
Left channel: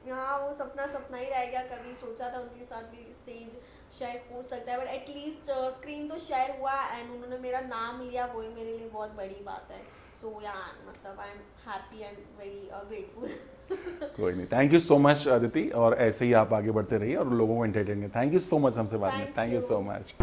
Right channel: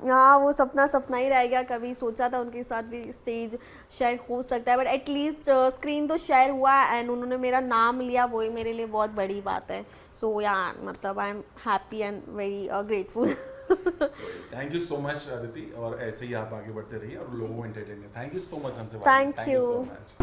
हाँ वो सपना ही रह गया, कभी सोचा था उनके साथ भी स्टेज शेयर हो सकता है, बट एटलीस्ट स्क्रीन तो शेयर हुआ एंड उन्होंने मेरा नाम लिया, वही मेरे लिए बहुत बड़ी बात है। सो यार मतलब I am happy and very grateful. कोई नहीं, thank you so much Aditi, और ऐसे ही आप आगे बढ़ते रहिए और लोगों को एंटरटेन करें। थैंक यू सो मच हमसे बात, थैंक यू सो मच।